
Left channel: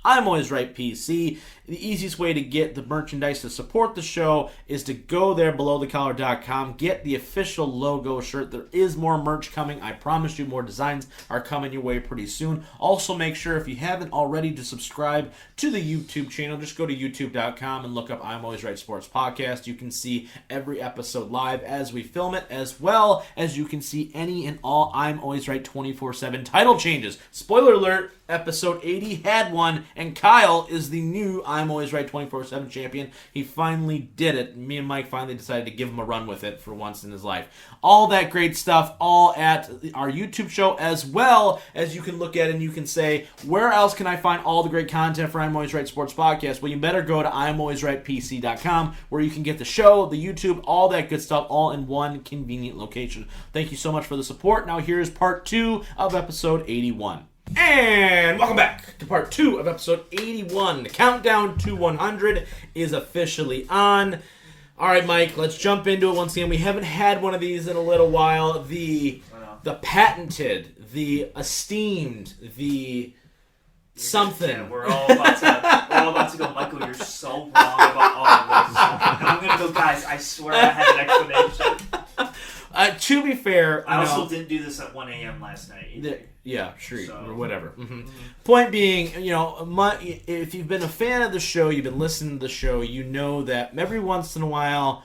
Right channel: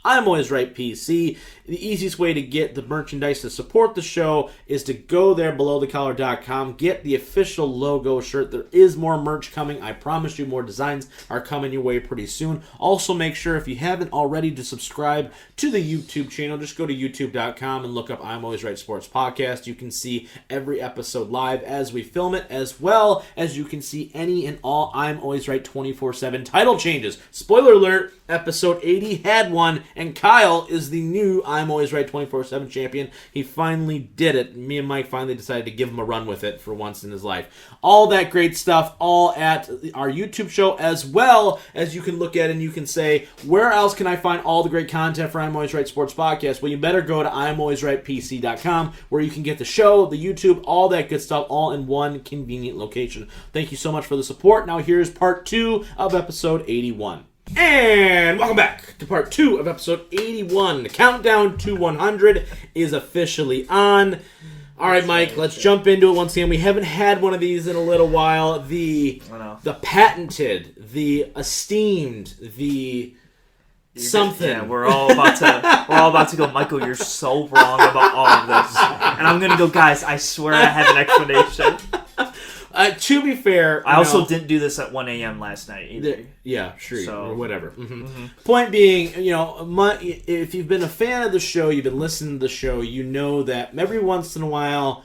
I'm Always Right PC. The easiest way to get the merchandise to support the show is to go there, belowthecollar.com, get the official logo shirt. There is more merch coming. I promise you more designs are coming your way pretty soon. Also, make sure, if you haven't already, to subscribe to the YouTube channel. Just go to youtube.com and look up I'm Always Right Sports Podcast. You can see every episode live as we film it, as well as you can see any and all I'm Always Right 24/7 title changes. Spoiler alert, episode 80 had one, and Kyle is the new I'm Always Right 24/7 champion. He finally did it. Me and Mike finally decided to give him a run with it for once in his life. All that great stuff, all at our YouTube show, as well as you can look at and you can say, where else can I find all the great content for I'm Always Right Sports Podcast? Well, you better go to I'mAlwaysRightPC.com, where you can get the show, the YouTube, all that good stuff, all in one convenient location. Thank you so much for the support. Now here's part 2 of episode 81. And welcome back to part 2 of episode 81. The countdown to 100 is officially on. All right, Mike, let's jump into it once again. We haven't had one of these in a little while. The patented, the esteemed, the something. Yeah, we're all about to go, Michael, you're so wrong about all of this. And I'm going to go, guys, I swear I have an explanation. To be fair, I also didn't do this at 1 a.m. last night either. Yeah, sure, or whatever. Point being, if you've been a fan of the show, you've been listening to the show, you know that every once in a while,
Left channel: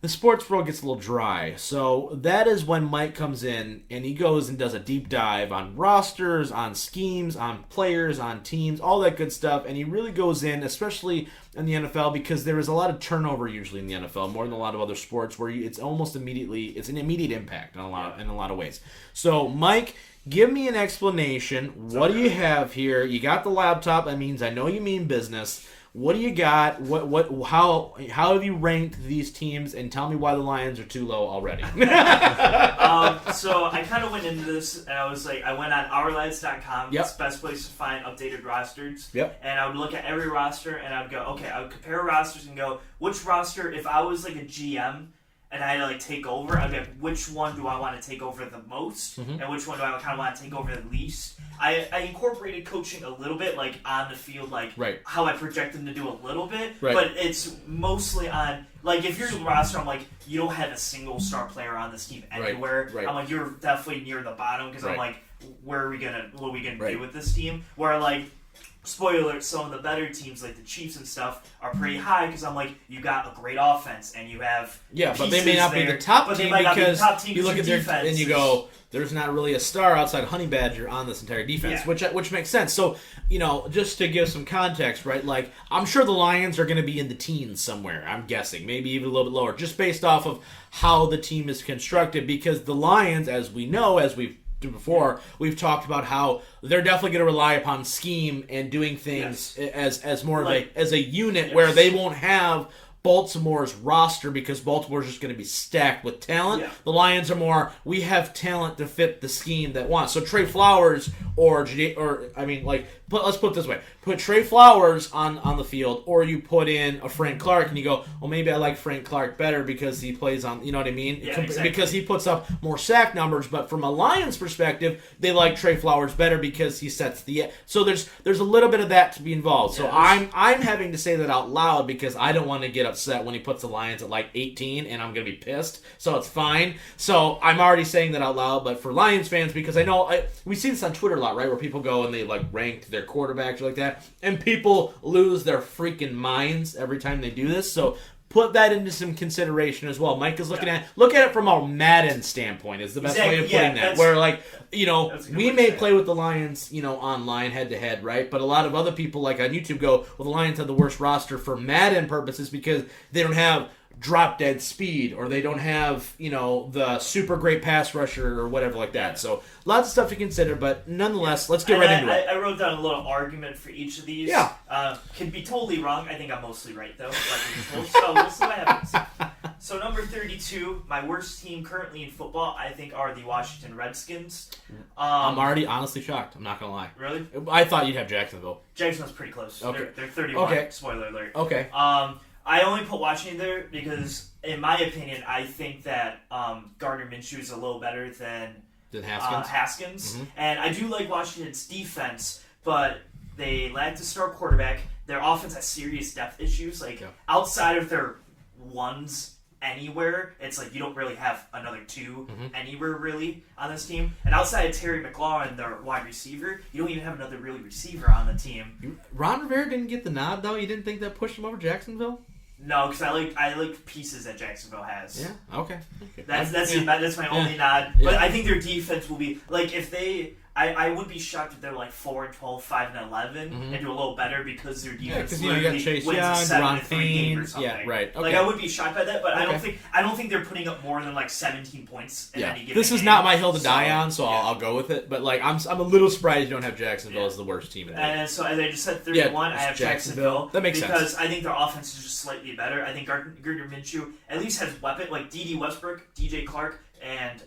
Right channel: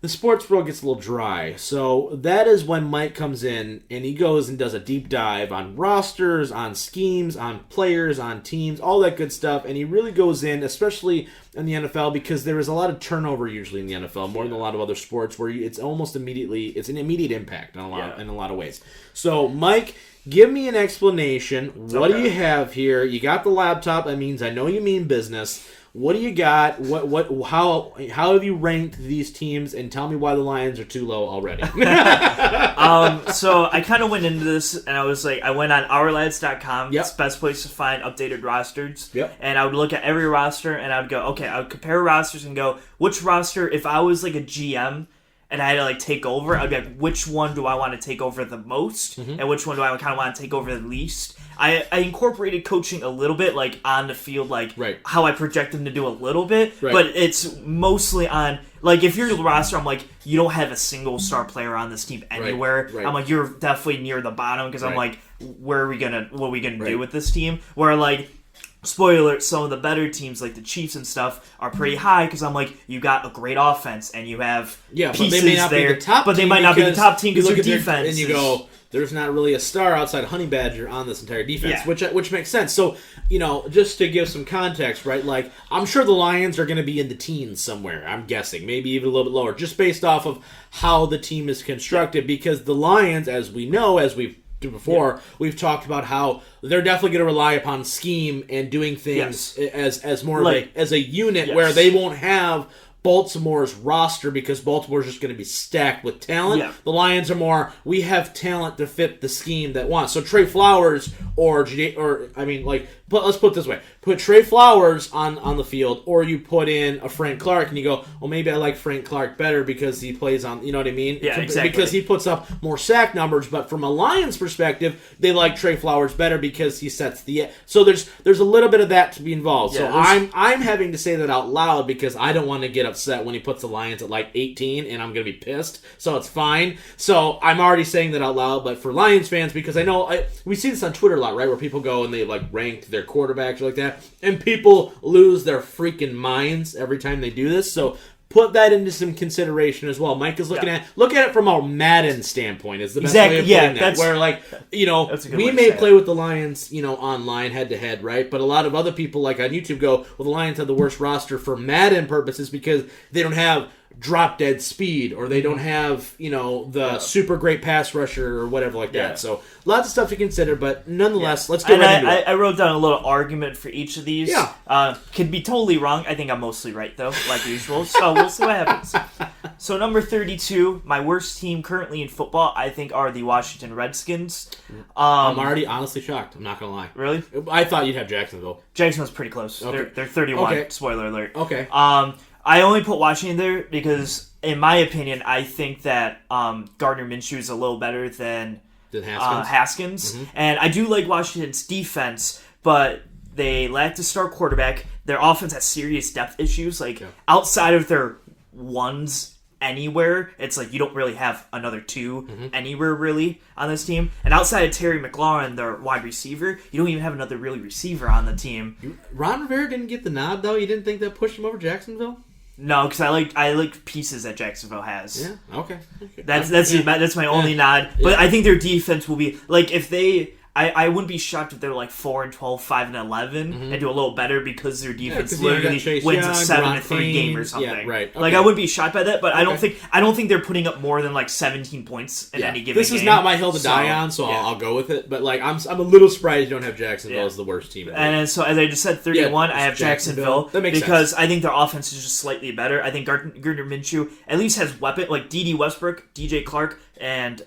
the sports world gets a little dry. So that is when Mike comes in and he goes and does a deep dive on rosters, on schemes, on players, on teams, all that good stuff. And he really goes in, especially in the NFL, because there is a lot of turnover usually in the NFL, more than a lot of other sports, where it's almost immediately, it's an immediate impact in a lot of ways. So Mike, give me an explanation. What do you have here? You got the laptop. That means I know you mean business. What do you got? How have you ranked these teams? And tell me why the Lions are too low already. So I kind of went into this, and I was like, I went on OurLads.com. Yep. It's the best place to find updated rosters. Yep. And I would look at every roster, and I would go, okay, I would compare rosters and go, which roster, if I was like a GM, and I had to take over, I'd be like, which one do I want to take over the most, and which one do I kind of want to take over the least? I incorporated coaching a little bit, like on the field, like how I project them to do a little bit, but it's mostly on, like, if you're the roster, I'm like, you don't have a single star player on this team anywhere. I'm like, you're definitely near the bottom, because I'm like, what are we gonna do with this team? Where, like, spoiler alert, some of the better teams like the Chiefs and stuff are pretty high, because I'm like, you got a great offense and you have but they may not be the top team, but they might not be the top team, you look at their defense and you go, there's not really a star outside Honey Badger on this entire defense, which makes sense. So, just to give some context, right? Like, I'm sure the Lions are going to be in the teens somewhere, I'm guessing, maybe even a little bit lower, just based off of how the team is constructed, because the Lions, as we know, as we've before, we've talked about how they're definitely going to rely upon scheme and doing things as more of as a unit, where they won't have Baltimore's roster, because Baltimore's just going to be stacked with talent. The Lions are more, we have talent to fit the scheme that wants. So Trey Flowers but let's put it this way. Put Trey Flowers on the field, or you put in a Frank Clark, and you go, well, maybe I like Frank Clark better because he plays on, you know what I mean? Yeah, exactly. Because he puts up more sack numbers, but from a Lions perspective, they like Trey Flowers better because he sets the... So there's a little bit of that to be involved. So I'm having to say that out loud, because I don't want to get upset when he puts the Lions at like 18, and I'm going to be pissed. So it's fine. So I'm already saying that out loud, but for Lions fans, because I know we see this on Twitter a lot, right, where people go and they like rank their quarterbacks or like that, and people lose their freaking minds every time they do this. So put that into some consideration as well. Mike is looking at it from a Madden standpoint is the best way of putting that. Where, like, we may play with the Lions, online head to head, right? But a lot of other people, like on YouTube, go, well, the Lions have the worst roster for Madden purposes because they don't have drop dead speed, or they don't have the super great pass rusher or whatever like that. So lots of stuff to consider, but nonetheless, let's get right into it. I wrote down a little argument for each of these. Could be totally wrong. I think I'm mostly right though, like usual. So we'll see what happens. So number 32, my worst team currently in football, I think, are the Washington Redskins. I'm already honestly shocked. I'm not gonna lie. Really? I thought you'd have Jacksonville. Jacksonville's pretty close. Okay. They're 31. Okay. Spoiler alert. Okay. I only put Washington there because, in my opinion, I think that Gardner Minshew is a little better than Haskins. And I do like Washington's defense, but they lack a star quarterback. Their offense has serious depth issues. Like, outside of their ones anywhere, it's like you don't really have another two anywhere really on this team. And outside of Terry McLaurin, their wide receiver, you don't even have another really receiver on the team. Ron Rivera didn't get the nod, though? You didn't think that pushed him over Jacksonville? No, because I like pieces that Jacksonville has. Yeah, okay. That's my only nod. But I think their defense will be like if they. I wouldn't be shocked if they're like 4-12, 5-11, and do a little better because their defense literally wins a 7-3 game or something. Yeah, right. Okay. Like I wouldn't be shocked by that, but I don't think they're putting up more than like 17 points in any given game. This is not my hill to die on, so I'll go with it. But like I'm a little surprised you don't have Jacksonville as the worst team in the league. And so as I just said, 31, I have Jacksonville. That makes sense because I think their offense is just slightly better. I think Gardner Minshew at least has weapon like D.D. Westbrook, DJ Clark, and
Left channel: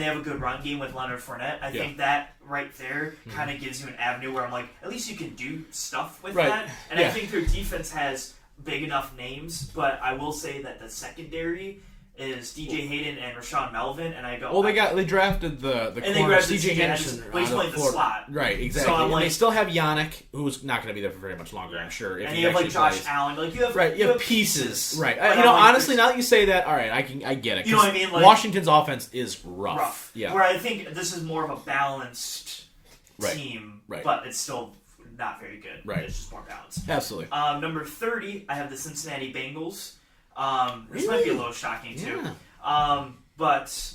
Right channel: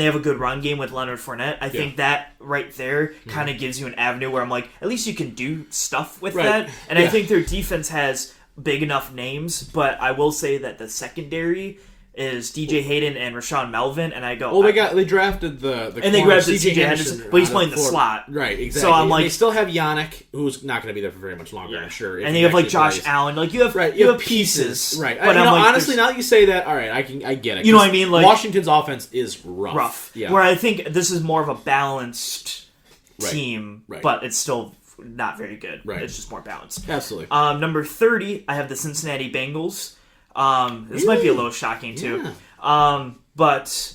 they have a good run game with Leonard Fournette. I think that right there kind of gives you an avenue where I'm like, at least you can do stuff with that. And I think their defense has big enough names, but I will say that the secondary is DJ Hayden and Rashawn Melvin, and I go. Well, they drafted the and they grabbed CJ Henderson, but he's playing the slot, right? Exactly. So I'm like, they still have Yannick, who's not going to be there for very much longer, I'm sure. And you have like Josh Allen, like you have pieces, right? Honestly, now that you say that, all right, I get it. You know what I mean? Like Washington's offense is rough. Yeah. Where I think this is more of a balanced team, but it's still not very good. Right. It's just more balanced. Absolutely. Number 30, I have the Cincinnati Bengals. This might be a little shocking too. But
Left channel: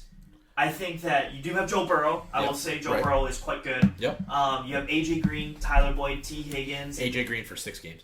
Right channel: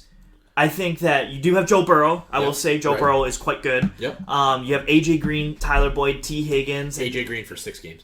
I think that you do have Joe Burrow. I will say Joe Burrow is quite good. Yep. You have AJ Green, Tyler Boyd, T. Higgins. AJ Green for 6 games.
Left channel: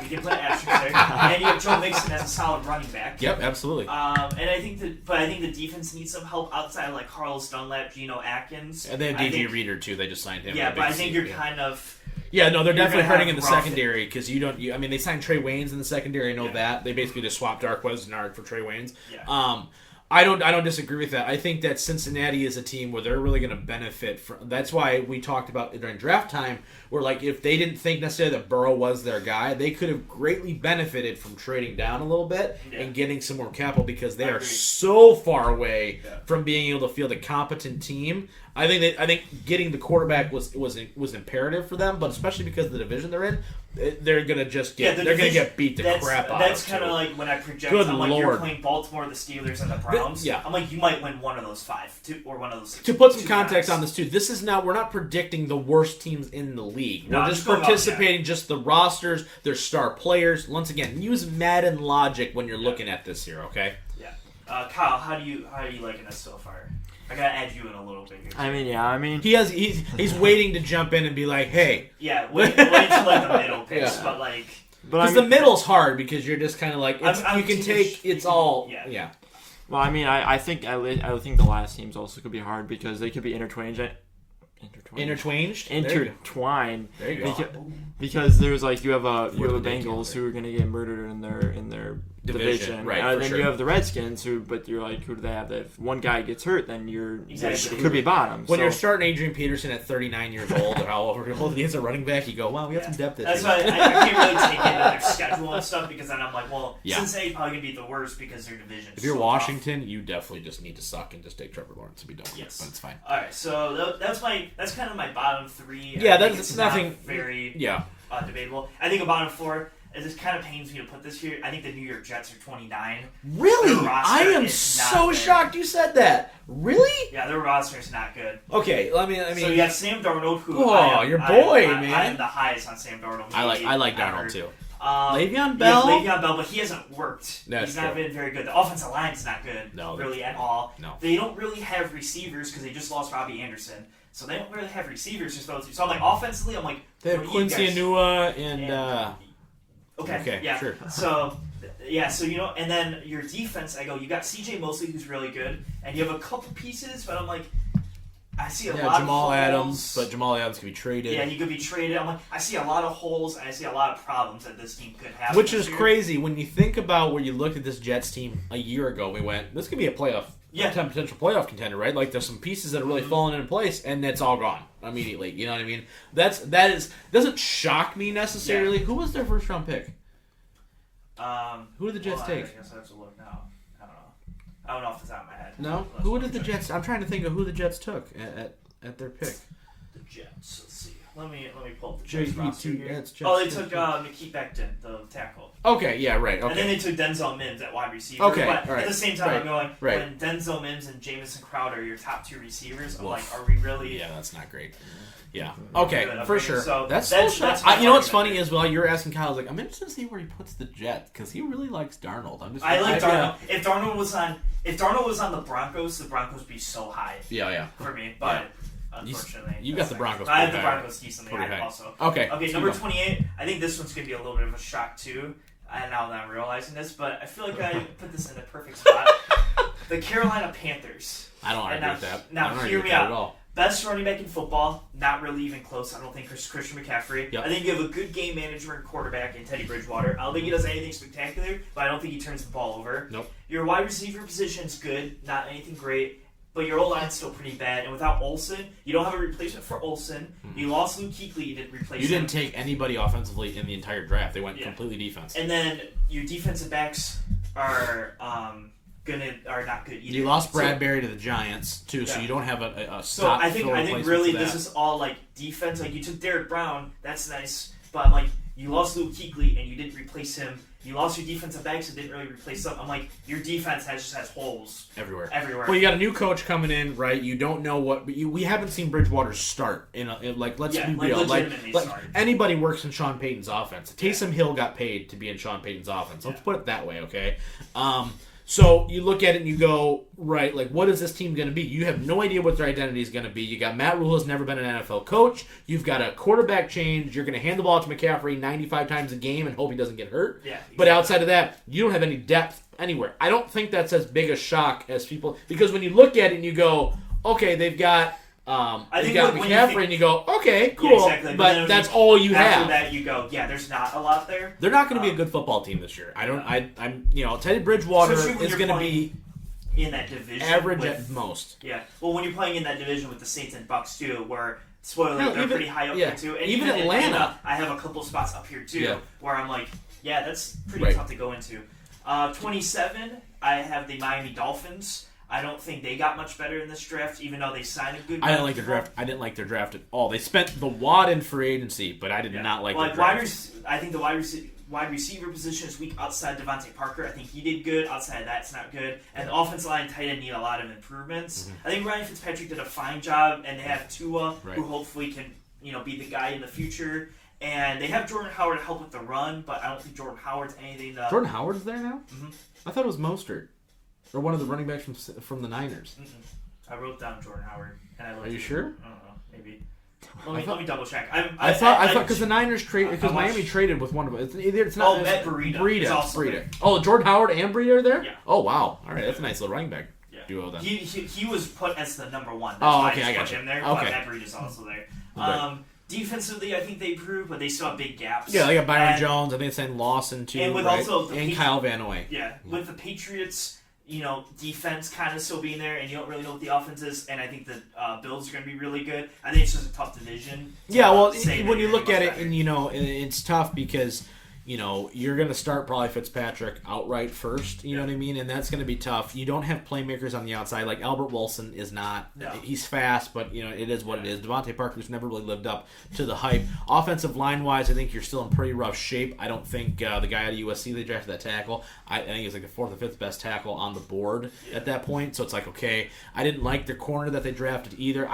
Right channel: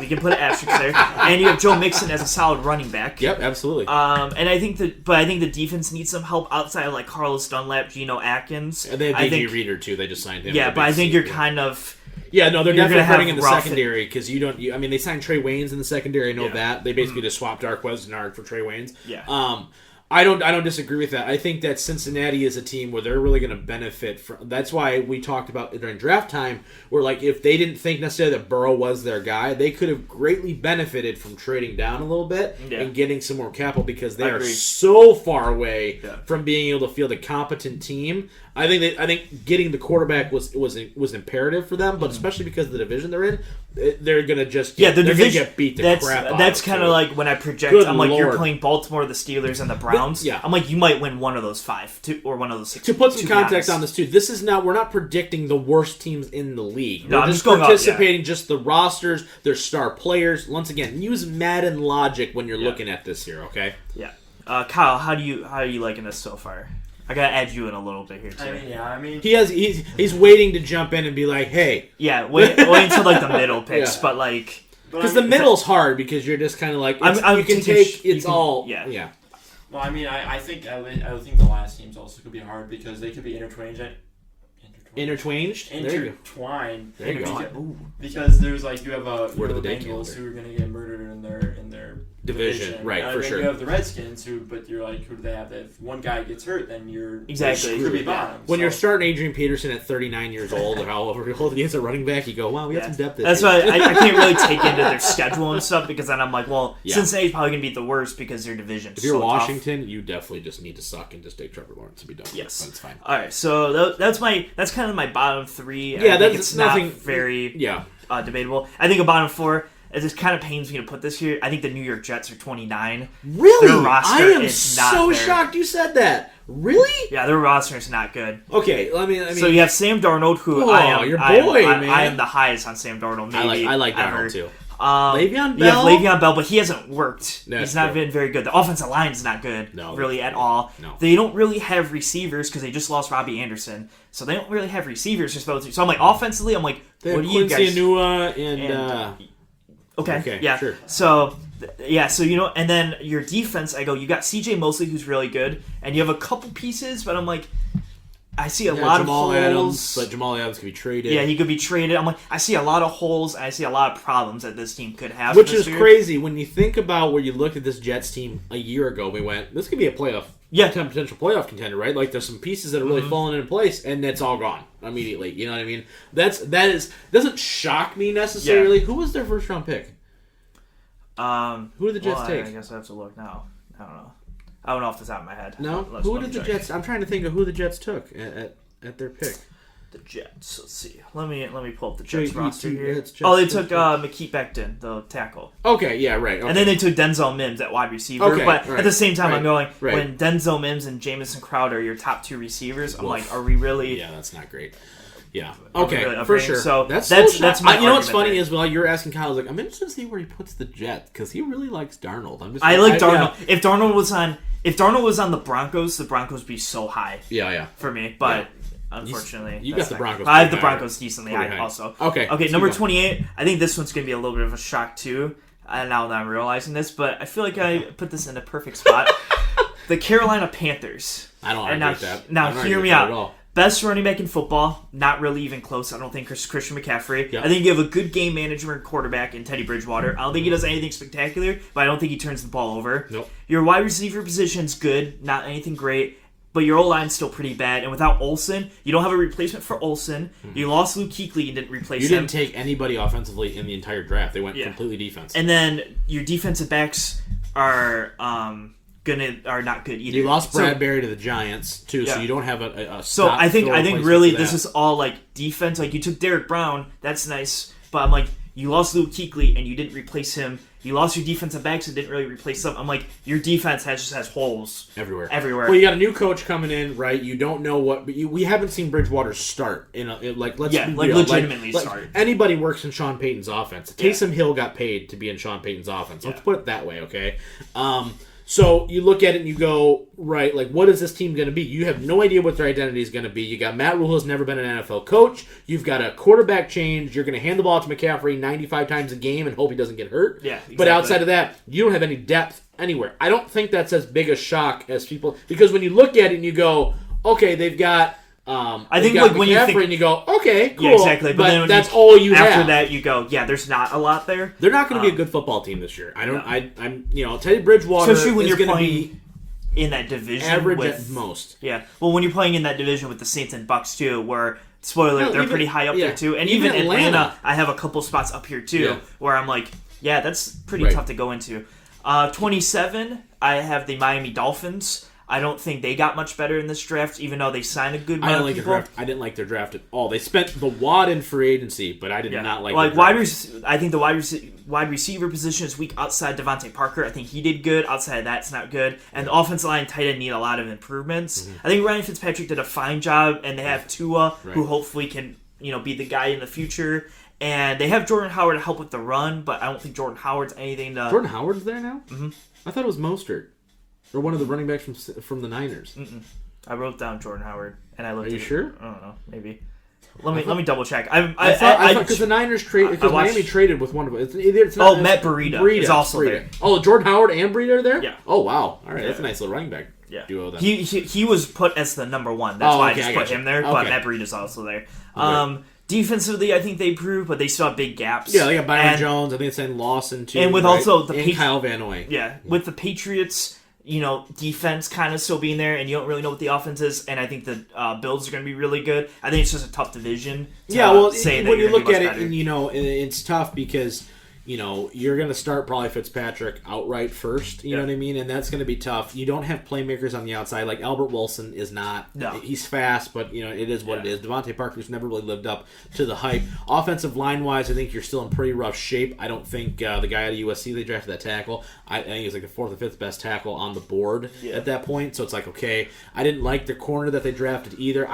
You can put an asterisk there. And you have Joe Mixon as a solid running back. Yep, absolutely. And I think the defense needs some help outside of like Carlos Dunlap, Geno Atkins. And they have DJ Reader too. They just signed him. Yeah, but I think you're kind of. Yeah, no, they're definitely hurting in the secondary because I mean, they signed Trey Waynes in the secondary. I know that they basically just swapped Darqueze Dennard for Trey Waynes. Yeah. I don't disagree with that. I think that Cincinnati is a team where they're really going to benefit from. That's why we talked about during draft time, where like if they didn't think necessarily that Burrow was their guy, they could have greatly benefited from trading down a little bit and getting some more capital because they are so far away from being able to field a competent team. I think getting the quarterback was imperative for them, but especially because of the division they're in, they're gonna just get beat the crap out. That's kind of like when I project. I'm like, you're playing Baltimore, the Steelers, and the Browns. I'm like, you might win one of those 5 or one of those 6. To put some context on this too, this is we're not predicting the worst teams in the league. We're just participating just the rosters, their star players. Once again, use Madden logic when you're looking at this here. Okay. Yeah. Kyle, how are you liking this so far? I gotta add you in a little bit here too. He's waiting to jump in and be like, hey. Yeah, wait until like the middle picks, but like. Because the middle's hard because you're just kind of like you can take all. Yeah. Well, I mean, I think the last teams also could be hard because they could be intertwined. Intertwined. There you go. Because there's like you have the Bengals who are gonna get murdered in their division, right? For sure. You have the Redskins but you're like, who do they have? If one guy gets hurt, then you're exactly could be bottom. When you're starting Adrian Peterson at 39 years old or however old he is a running back, you go, wow, we got some depth. That's why I can't really take into their schedule and stuff because then I'm like, well, Cincinnati's probably gonna be the worst because their division. If you're Washington, you definitely just need to suck and just take Trevor Lawrence and be done with it. But it's fine. All right, so that's kind of my bottom 3. Yeah, that's nothing very debatable. I think a bottom 4. It just kind of pains me to put this here. I think the New York Jets are 29. Really? I am so shocked you said that. Really? Yeah, their roster is not good. Okay, I mean. So you have Sam Darnold, who your boy, man. I am the highest on Sam Darnold. I like Darnold too. Le'Veon Bell? Yeah, Le'Veon Bell, but he hasn't worked. He's not been very good. The offensive line is not good, really, at all. No. They don't really have receivers because they just lost Robbie Anderson. So they don't really have receivers just those two. So I'm like, offensively, I'm like, they have Quincy Enunwa and Okay, yeah. Sure. So and then your defense, I go, you got CJ Mosley, who's really good, and you have a couple pieces, but I'm like, I see a lot of holes. Adams, but Jamal Adams could be traded. Yeah, he could be traded. I'm like, I see a lot of holes, and I see a lot of problems that this team could have. Which is crazy when you think about where you looked at this Jets team a year ago. We went, this could be a playoff. Yeah, potential playoff contender, right? Like there's some pieces that are really falling into place, and it's all gone immediately. You know what I mean? That doesn't shock me necessarily. Yeah. Who was their first round pick? Who did the Jets take? I guess I have to look now. I don't I don't know off the top of my head. No? Who did the Jets... I'm trying to think of who the Jets took at their pick. The Jets. Let's see. Let me pull up the Jets roster here. Jets, they took McKeith Becton, the tackle. Okay, yeah, right. Okay. And then they took Denzel Mims at wide receiver. Okay, but right, at the same time, right, I'm going, right. when Denzel Mims and Jamison Crowder are your top 2 receivers, I'm like, are we really... Yeah, that's not great. Yeah. Okay, really for sure. So that's my you know what's funny there. is while you're asking Kyle, I was like, I'm interested to see where he puts the Jets because he really likes Darnold. I like Darnold. Yeah. If Darnold was on the Broncos would be so high. Yeah. For me, but unfortunately, you got the Broncos. I have the Broncos decently high also. Okay. Number 28. I think this one's gonna be a little bit of a shock too. Now that I'm realizing this, but I feel like I put this in a perfect spot. The Carolina Panthers. I don't agree with that. Now hear me out. Best running back in football, not really even close. I don't think Christian McCaffrey. Yep. I think you have a good game management quarterback in Teddy Bridgewater. I don't think he does anything spectacular, but I don't think he turns the ball over. Nope. Your wide receiver position's good, not anything great, but your O-line's still pretty bad. And without Olsen, you don't have a replacement for Olsen. Mm-hmm. You lost Luke Kuechly, you didn't replace him. You didn't take anybody offensively in the entire draft. They went completely defense. And then your defensive backs are not good either. You lost Bradbury to the Giants too, so you don't have a so I think really this is all like defense. Like you took Derek Brown, that's nice, but I'm like you lost Luke Kuechly and you didn't replace him. You lost your defensive backs and didn't really replace them. I'm like your defense just has holes everywhere. Everywhere. Well, you got a new coach coming in, right? You don't know what, but we haven't seen Bridgewater start let's be real. Legitimately start. Anybody works in Sean Payton's offense. Taysom Hill got paid to be in Sean Payton's offense. Let's put it that way, okay? So you look at it and you go, right, like, what is this team going to be? You have no idea what their identity is going to be. You got Matt Rule, who's never been an NFL coach. You've got a quarterback change. You're going to hand the ball to McCaffrey 95 times a game and hope he doesn't get hurt. Yeah, exactly. But outside of that, you don't have any depth anywhere. I don't think that's as big a shock as people, because when you look at it and you go, okay, they've got... I think like when you think, and you go, okay, cool, exactly. But that's all you have. After that, you go, there's not a lot there. They're not going to be a good football team this year. I'm Teddy Bridgewater is going to be in that division, average at most. Yeah. Well, when you're playing in that division with the Saints and Bucks too, where spoiler, they're pretty high up there too, and even Atlanta, I have a couple spots up here too, where I'm like, that's pretty tough to go into. 27, I have the Miami Dolphins. I don't think they got much better in this draft, even though they signed a good. I didn't like their draft. I didn't like their draft at all. They spent the wad in free agency, but I did not like their draft. I think the wide receiver position is weak outside Devontae Parker. I think he did good. Outside of that, it's not good. And the offensive line and tight end need a lot of improvements. Mm-hmm. I think Ryan Fitzpatrick did a fine job, and they have Tua, who hopefully can be the guy in the future. And they have Jordan Howard to help with the run, but I don't think Jordan Howard's anything to... Jordan Howard's there now? Mm-hmm. I thought it was Mostert. Or one of the running backs from the Niners. Mm-mm. I wrote down Jordan Howard, and I looked. Are you sure? I don't know. Maybe. Let me double check. I thought because the Niners because Miami traded with one of them. It's not. Matt Breida is also there. Oh, Jordan Howard and Breida are there. Yeah. Oh wow. All right, that's a nice little running back duo. Then he was put as the number one. That's why I just put him there. Okay. But Matt Breida's also there. Okay. Defensively, I think they improved, but they still have big gaps. Yeah, they got Byron Jones. I think it's saying Lawson too. And with also the Kyle Van Noy. Yeah, with the Patriots. Defense kind of still being there, and you don't really know what the offense is, and I think the Bills are going to be really good. I think it's just a tough division. When you look at it, and it's tough because you're going to start probably Fitzpatrick outright first. You know what I mean, and that's going to be tough. You don't have playmakers on the outside like Albert Wilson is not. No. He's fast, but it is what it is. Devontae Parker's never really lived up to the hype. Offensive line wise, I think you're still in pretty rough shape. I don't think the guy out of USC they drafted that tackle. I think he's like the fourth or fifth best tackle on the board at that point. So it's like okay, I didn't like their corner that they drafted either.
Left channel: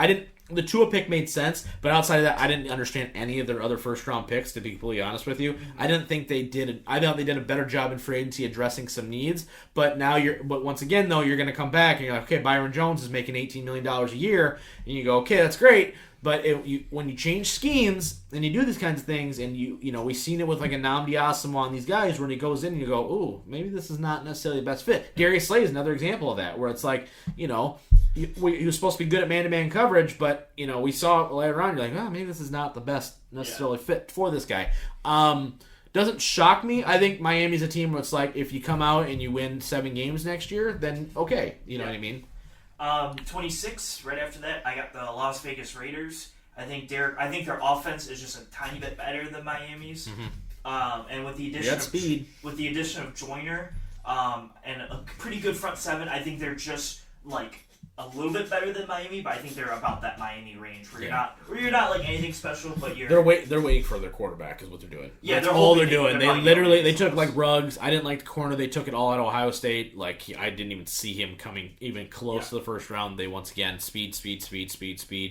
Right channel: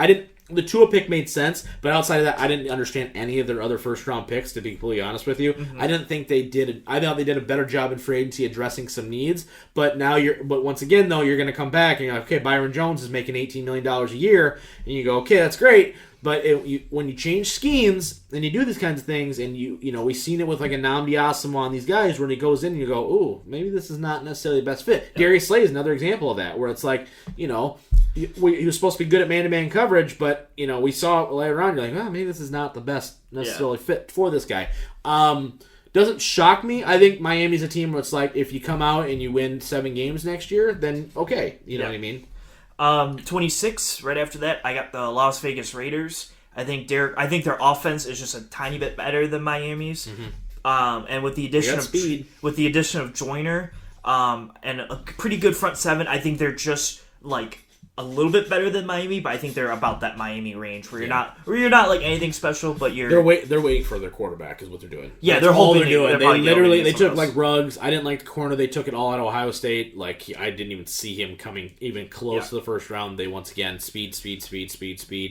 The Tua pick made sense, but outside of that, I didn't understand any of their other first-round picks, to be completely honest with you. Mm-hmm. I didn't think they did. I thought they did a better job in free agency addressing some needs. But once again, though, you're going to come back and you're like, okay, Byron Jones is making $18 million a year, and you go, okay, that's great. But when you change schemes and you do these kinds of things, and we've seen it with like a Nnamdi Asomugha and these guys, when he goes in and you go, ooh, maybe this is not necessarily the best fit. Darius Slay is another example of that, where it's like, he was supposed to be good at man-to-man coverage, but we saw it later on. You're like, maybe this is not the best necessarily fit for this guy. Doesn't shock me. I think Miami's a team where it's like, if you come out and you win 7 games next year, then okay, you know what I mean. 26. Right after that, I got the Las Vegas Raiders. I think their offense is just a tiny bit better than Miami's. Mm-hmm. And with the addition of Joyner, and a pretty good front seven. I think they're just like a little bit better than Miami, but I think they're about that Miami range where you're not like anything special, but they're waiting for their quarterback is what they're doing. Yeah, that's all they're doing. They took like Ruggs. I didn't like the corner. They took it all out of Ohio State. Like I didn't even see him coming even close to the first round. They once again speed.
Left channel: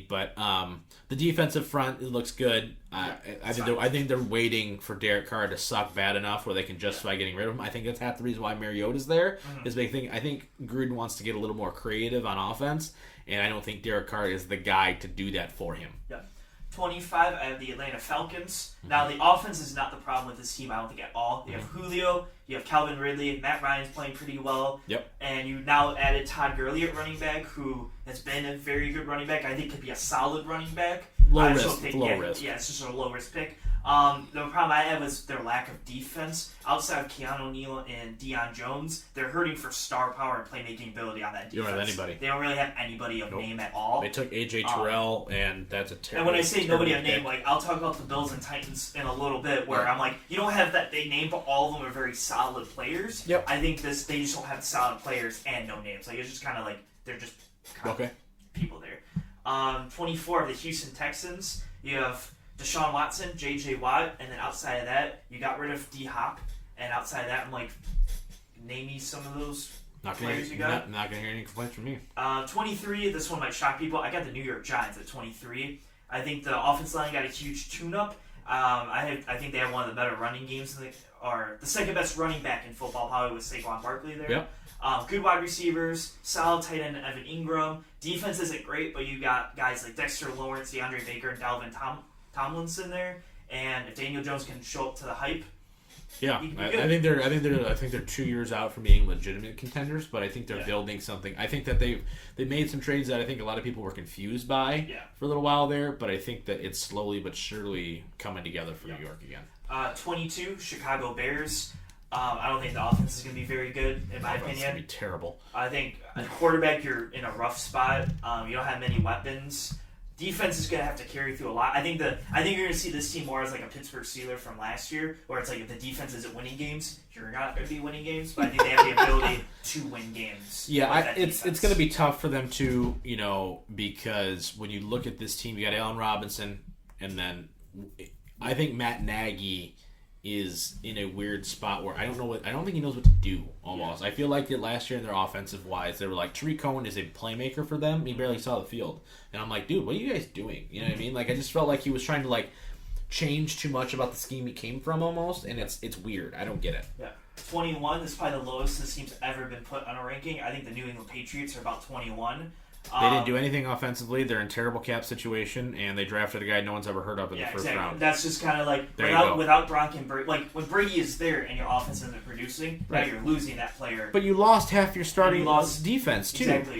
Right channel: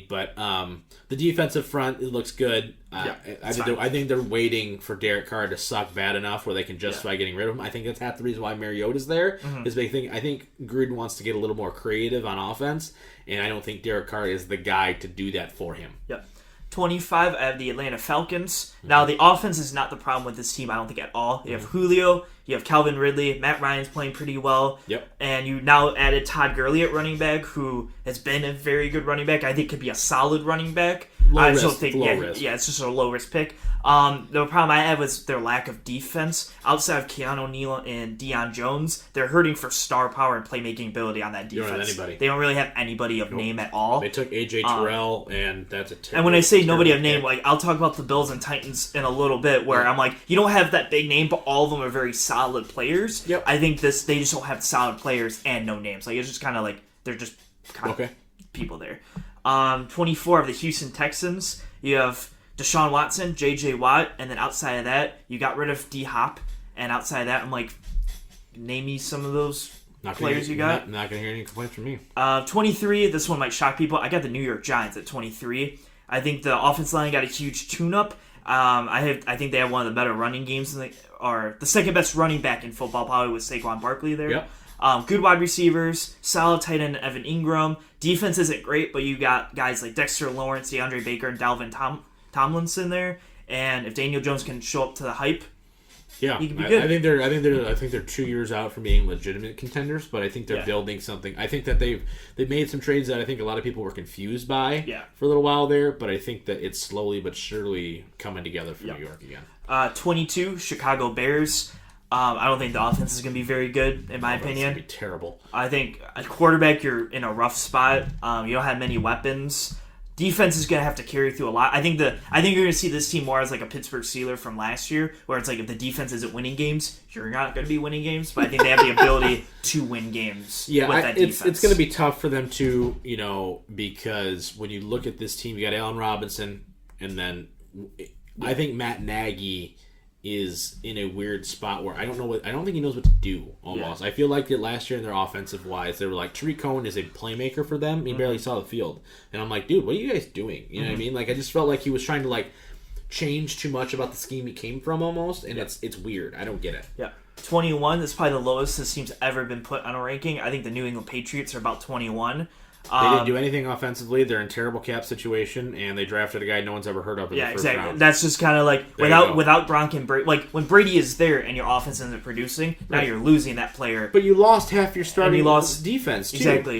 But the defensive front, it looks good. I think they're waiting for Derek Carr to suck bad enough where they can justify getting rid of him. I think that's half the reason why Mariota's there. Is big thing. I think Gruden wants to get a little more creative on offense, and I don't think Derek Carr is the guy to do that for him. Yeah. 25, I have the Atlanta Falcons. Now, the offense is not the problem with this team, I don't think, at all. You have Julio, you have Calvin Ridley, Matt Ryan's playing pretty well. Yep. And you now added Todd Gurley at running back, who has been a very good running back. I think could be a solid running back. Low risk. Yeah, it's just a low-risk pick. The problem I have is their lack of defense. Outside of Keanu Neal and Deion Jones, they're hurting for star power and playmaking ability on that defense. You don't have anybody. They don't really have anybody of name at all. They took A.J. Terrell, and that's a terrible. And when I say nobody of name, like I'll talk about the Bills and Titans in a little bit, where I'm like, you don't have that big name, but all of them are very solid players. Yep. I think they just don't have solid players and no names. Like it's just kind of like they're just kind of people there. 24 of the Houston Texans. You have Deshaun Watson, J.J. Watt, and then outside of that, you got rid of D-Hop. And outside of that, I'm like, name me some of those players you got. Not going to hear any complaints from me. 23, this one might shock people. I got the New York Giants at 23. I think the offensive line got a huge tune-up. I think they have one of the better running games, or the second best running back in football, probably with Saquon Barkley there. Yep. Good wide receivers, solid tight end Evan Ingram. Defense isn't great, but you got guys like Dexter Lawrence, DeAndre Baker, and Dalvin Tomlinson there, and if Daniel Jones can show up to the hype, I think they're 2 years out from being legitimate contenders, but I think they're building something. I think that they've made some trades that I think a lot of people were confused by for a little while there, but I think that it's slowly but surely coming together for New York again. 22 Chicago Bears. I don't think the offense is going to be very good, in my opinion. It's going to be terrible. I think at quarterback, you're in a rough spot. You don't have many weapons. Defense is going to have to carry through a lot. I think you're going to see this team more as like a Pittsburgh Steelers from last year, where it's like if the defense isn't winning games, you're not going to be winning games. But I think they have the ability to win games. Yeah, it's going to be tough for them to, because when you look at this team, you got Allen Robinson, and then I think Matt Nagy is in a weird spot where I don't think he knows what to do almost. I feel like that last year in their offensive wise, they were like, Tariq Cohen is a playmaker for them. He barely saw the field. And I'm like, dude, what are you guys doing? You know what I mean? Like, I just felt like he was trying to like change too much about the scheme he came from almost, and it's weird. I don't get it. Yeah. 21 is probably the lowest this team's ever been put on a ranking. I think the New England Patriots are about 21. They didn't do anything offensively. They're in terrible cap situation, and they drafted a guy no one's ever heard of in the first round. That's just kind of like without Gronk and Brady. Like when Brady is there and your offense isn't producing, now you're losing that player. But you lost half your starting defense too. Exactly.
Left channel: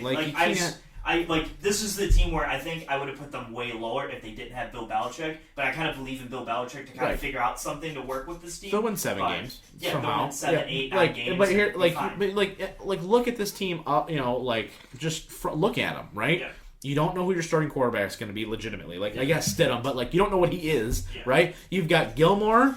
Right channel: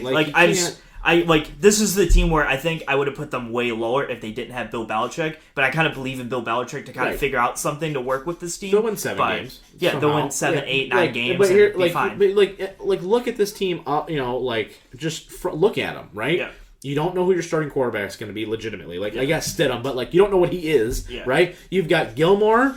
This is the team where I think I would have put them way lower if they didn't have Bill Belichick. But I kind of believe in Bill Belichick to kind of figure out something to work with this team. They'll win 7 games. Yeah, somehow. they'll win 7, 8, 9 games. But here, look at this team. Look at them, right? Yeah. You don't know who your starting quarterback is going to be legitimately. I guess Stidham, but you don't know what he is, right? You've got Gilmore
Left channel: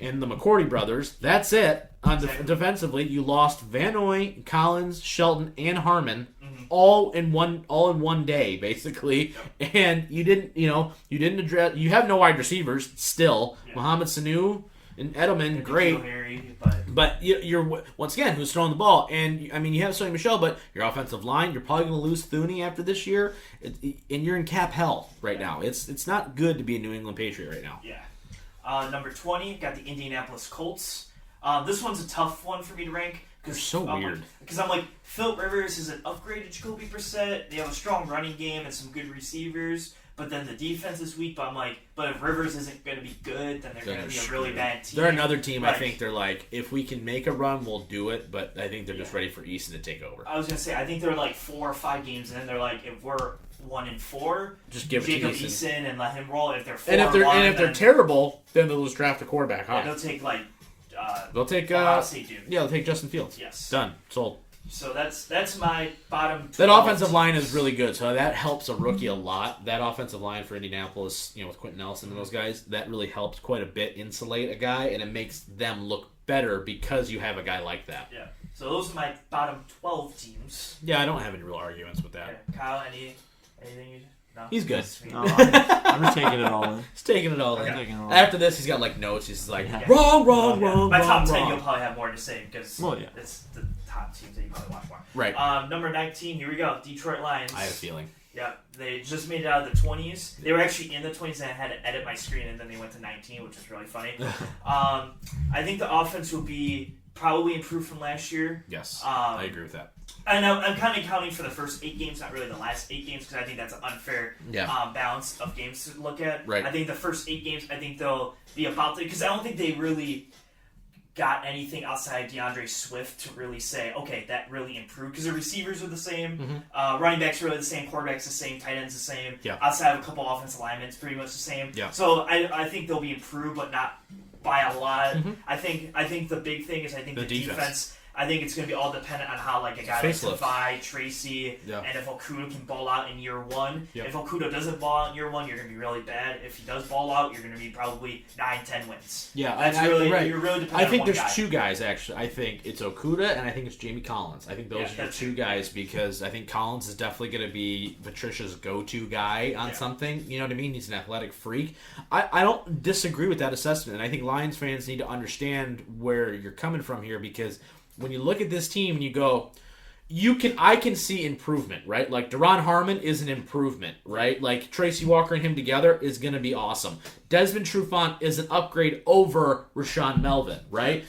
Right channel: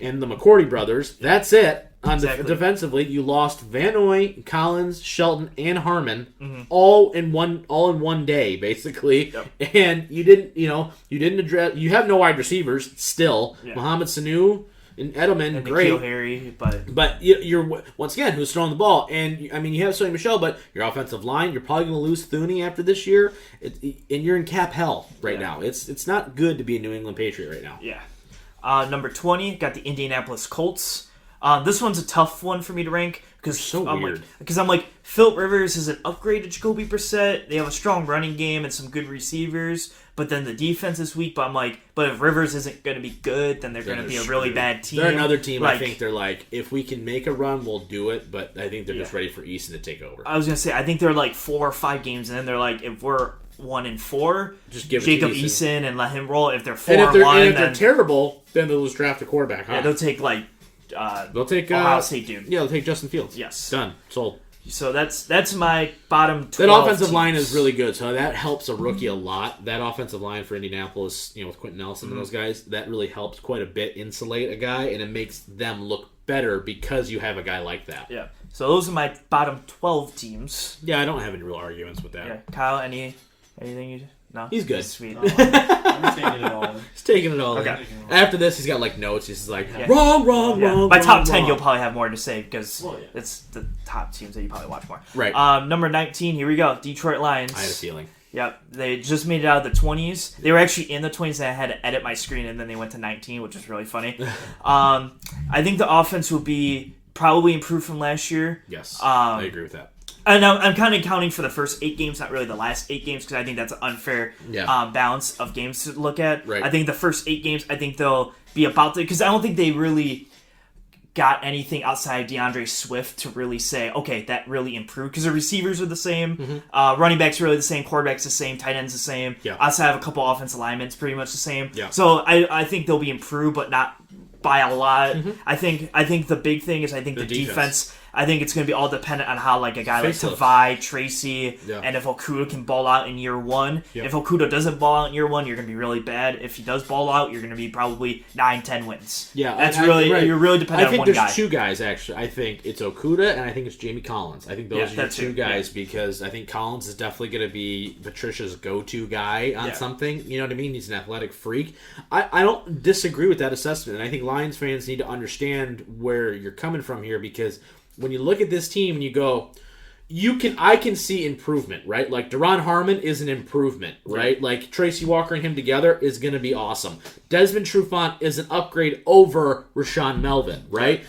and the McCourty brothers. That's it. Defensively, you lost Van Noy, Collins, Shelton, and Harmon all in one day, basically. Yep. And you didn't address. You have no wide receivers still. Yeah. Mohamed Sanu and Edelman, great. Harry, but you're once again who's throwing the ball, and you have Sonny Michel, but your offensive line, you're probably going to lose Thuney after this year, and you're in cap hell right now. It's not good to be a New England Patriot right now. Yeah. Number 20, got the Indianapolis Colts. This one's a tough one for me to rank because weird. Because I'm like, Philip Rivers is an upgrade to Jacoby Brissett. They have a strong running game and some good receivers, but then the defense is weak. But I'm like, if Rivers isn't going to be good, then they're going to be a really bad team. They're another team. I think they're like, if we can make a run, we'll do it. But I think they're just ready for Easton to take over. I was going to say, I think they're like 4 or 5 games, and then they're like, if we're 1-4, just give Jacob it to Eason and let him roll. If they're 4 if they're terrible, then they'll just draft a quarterback. Yeah, they'll take they'll take Ohio State dude. Yeah, they'll take Justin Fields. Yes, done, sold. So that's my bottom 12 That offensive line is really good, so that helps a rookie a lot. That offensive line for Indianapolis, with Quentin Nelson and those guys, that really helps quite a bit insulate a guy, and it makes them look better because you have a guy like that. Yeah. So those are my bottom 12 teams. Yeah, I don't have any real arguments with that. Yeah. Kyle, anything you... No? He's good. Sweet. I'm taking it all in. He's taking it all in. Okay. After this, he's got like notes. He's like, wrong. My top 10, wrong. you'll probably have more to say because it's the top teams that you probably watch more. Right. Number 19, here we go. Detroit Lions. I had a feeling. Yep. They just made it out of the 20s. They were actually in the 20s and I had to edit my screen and then they went to 19, which is really funny. I think the offense will be probably improved from last year. Yes. I agree with that. And I'm kind of counting for the first 8 games, not really the last 8 games, because I think that's an unfair balance of games to look at. Right. I think the first 8 games, I think they'll be about to, because I don't think they really got anything outside DeAndre Swift to really say, okay, that really improved, because the receivers are the same, running backs are really the same, quarterbacks the same, tight ends the same. Yeah. Outside of a couple offensive linemen, it's pretty much the same. Yeah. So I think they'll be improved, but not by a lot. I think the big thing is the defense. I think it's going to be all dependent on how like a guy like Tavai, Tracy, and if Okuda can ball out in year 1. Yep. If Okuda doesn't ball out in year 1, you're going to be really bad. If he does ball out, you're going to be probably 9-10 wins. Yeah, that's you're really dependent on one guy. I think there's 2 guys actually. I think it's Okuda and I think it's Jamie Collins. I think those are your 2 guys because I think Collins is definitely going to be Patricia's go-to guy on something. You know what I mean? He's an athletic freak. I don't disagree with that assessment, and I think Lions fans need to understand where you're coming from here because when you look at this team and you go, I can see improvement, right? Like Deron Harmon is an improvement, right? Like Tracy Walker and him together is going to be awesome. Desmond Trufant is an upgrade over Rashawn Melvin, right?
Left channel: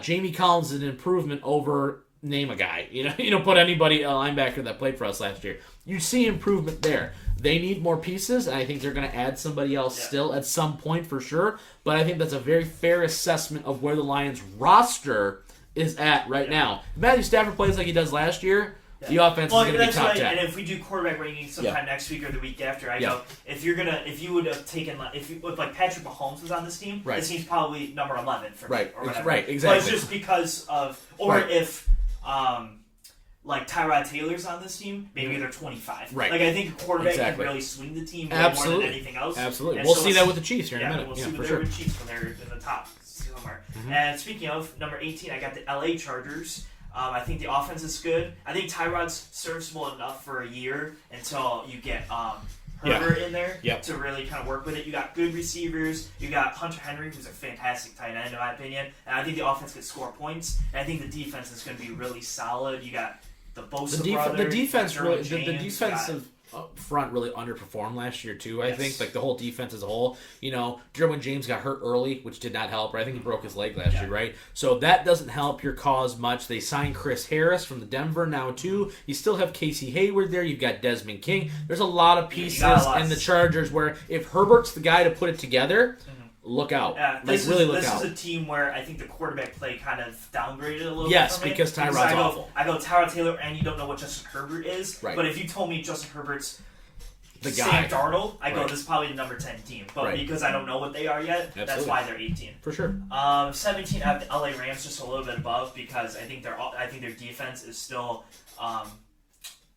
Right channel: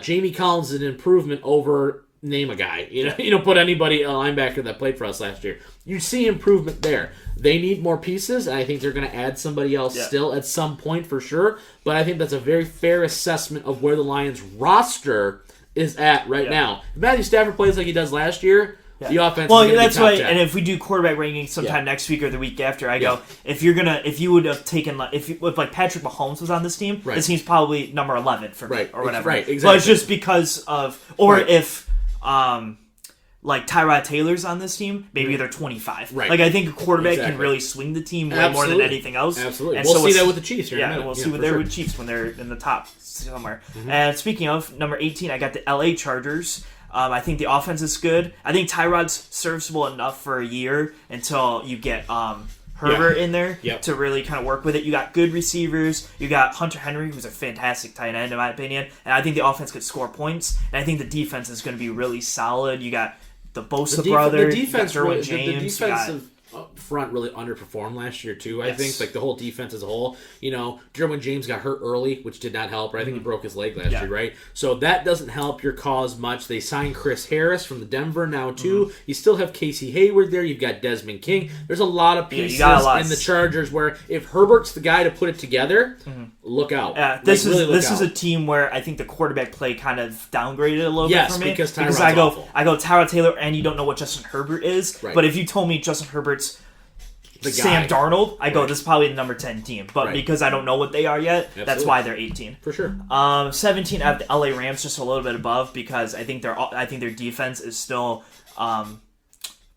Jamie Collins is an improvement over name a guy. You know, put anybody a linebacker that played for us last year. You see improvement there. They need more pieces, and I think they're going to add somebody else still at some point for sure. But I think that's a very fair assessment of where the Lions roster is at right now. If Matthew Stafford plays like he does last year, the offense is going to be top 10. And if we do quarterback rankings sometime next week or the week after, I go, if you would have taken, if like Patrick Mahomes was on this team, this team's probably number 11 for me or whatever. Right, exactly. But it's just because of, or if like Tyrod Taylor's on this team, maybe they're 25. Right. Like I think a quarterback can really swing the team more than anything else. Absolutely. And we'll see that with the Chiefs here in a minute. We'll see what they're with the Chiefs when they're in the top somewhere. And speaking of number 18, I got the LA Chargers. I think the offense is good. I think Tyrod's serviceable enough for a year until you get Herbert in there to really kind of work with it. You got good receivers. You got Hunter Henry, who's a fantastic tight end in my opinion. And I think the offense could score points. And I think the defense is going to be really solid. You got the Bosa brothers. The defensive front really underperformed last year too. I think like the whole defense as a whole. You know, Derwin James got hurt early, which did not help. Right? I think he broke his leg last year, right? So that doesn't help your cause much. They signed Chris Harris from the Denver now too. You still have Casey Hayward there. You've got Desmond King. There's a lot of pieces in the Chargers where if Herbert's the guy to put it together. Look out. This is a team where I think the quarterback play kind of downgraded a little bit for me. Because Tyrod's awful. I go Tyrod Taylor, and you don't know what Justin Herbert is. Right. But if you told me Justin Herbert's the Sam Darnold, I go, this is probably the number 10 team. But because I don't know what they are yet, that's why they're 18. For sure. 17, I have the LA Rams just a little bit above because I think their defense is still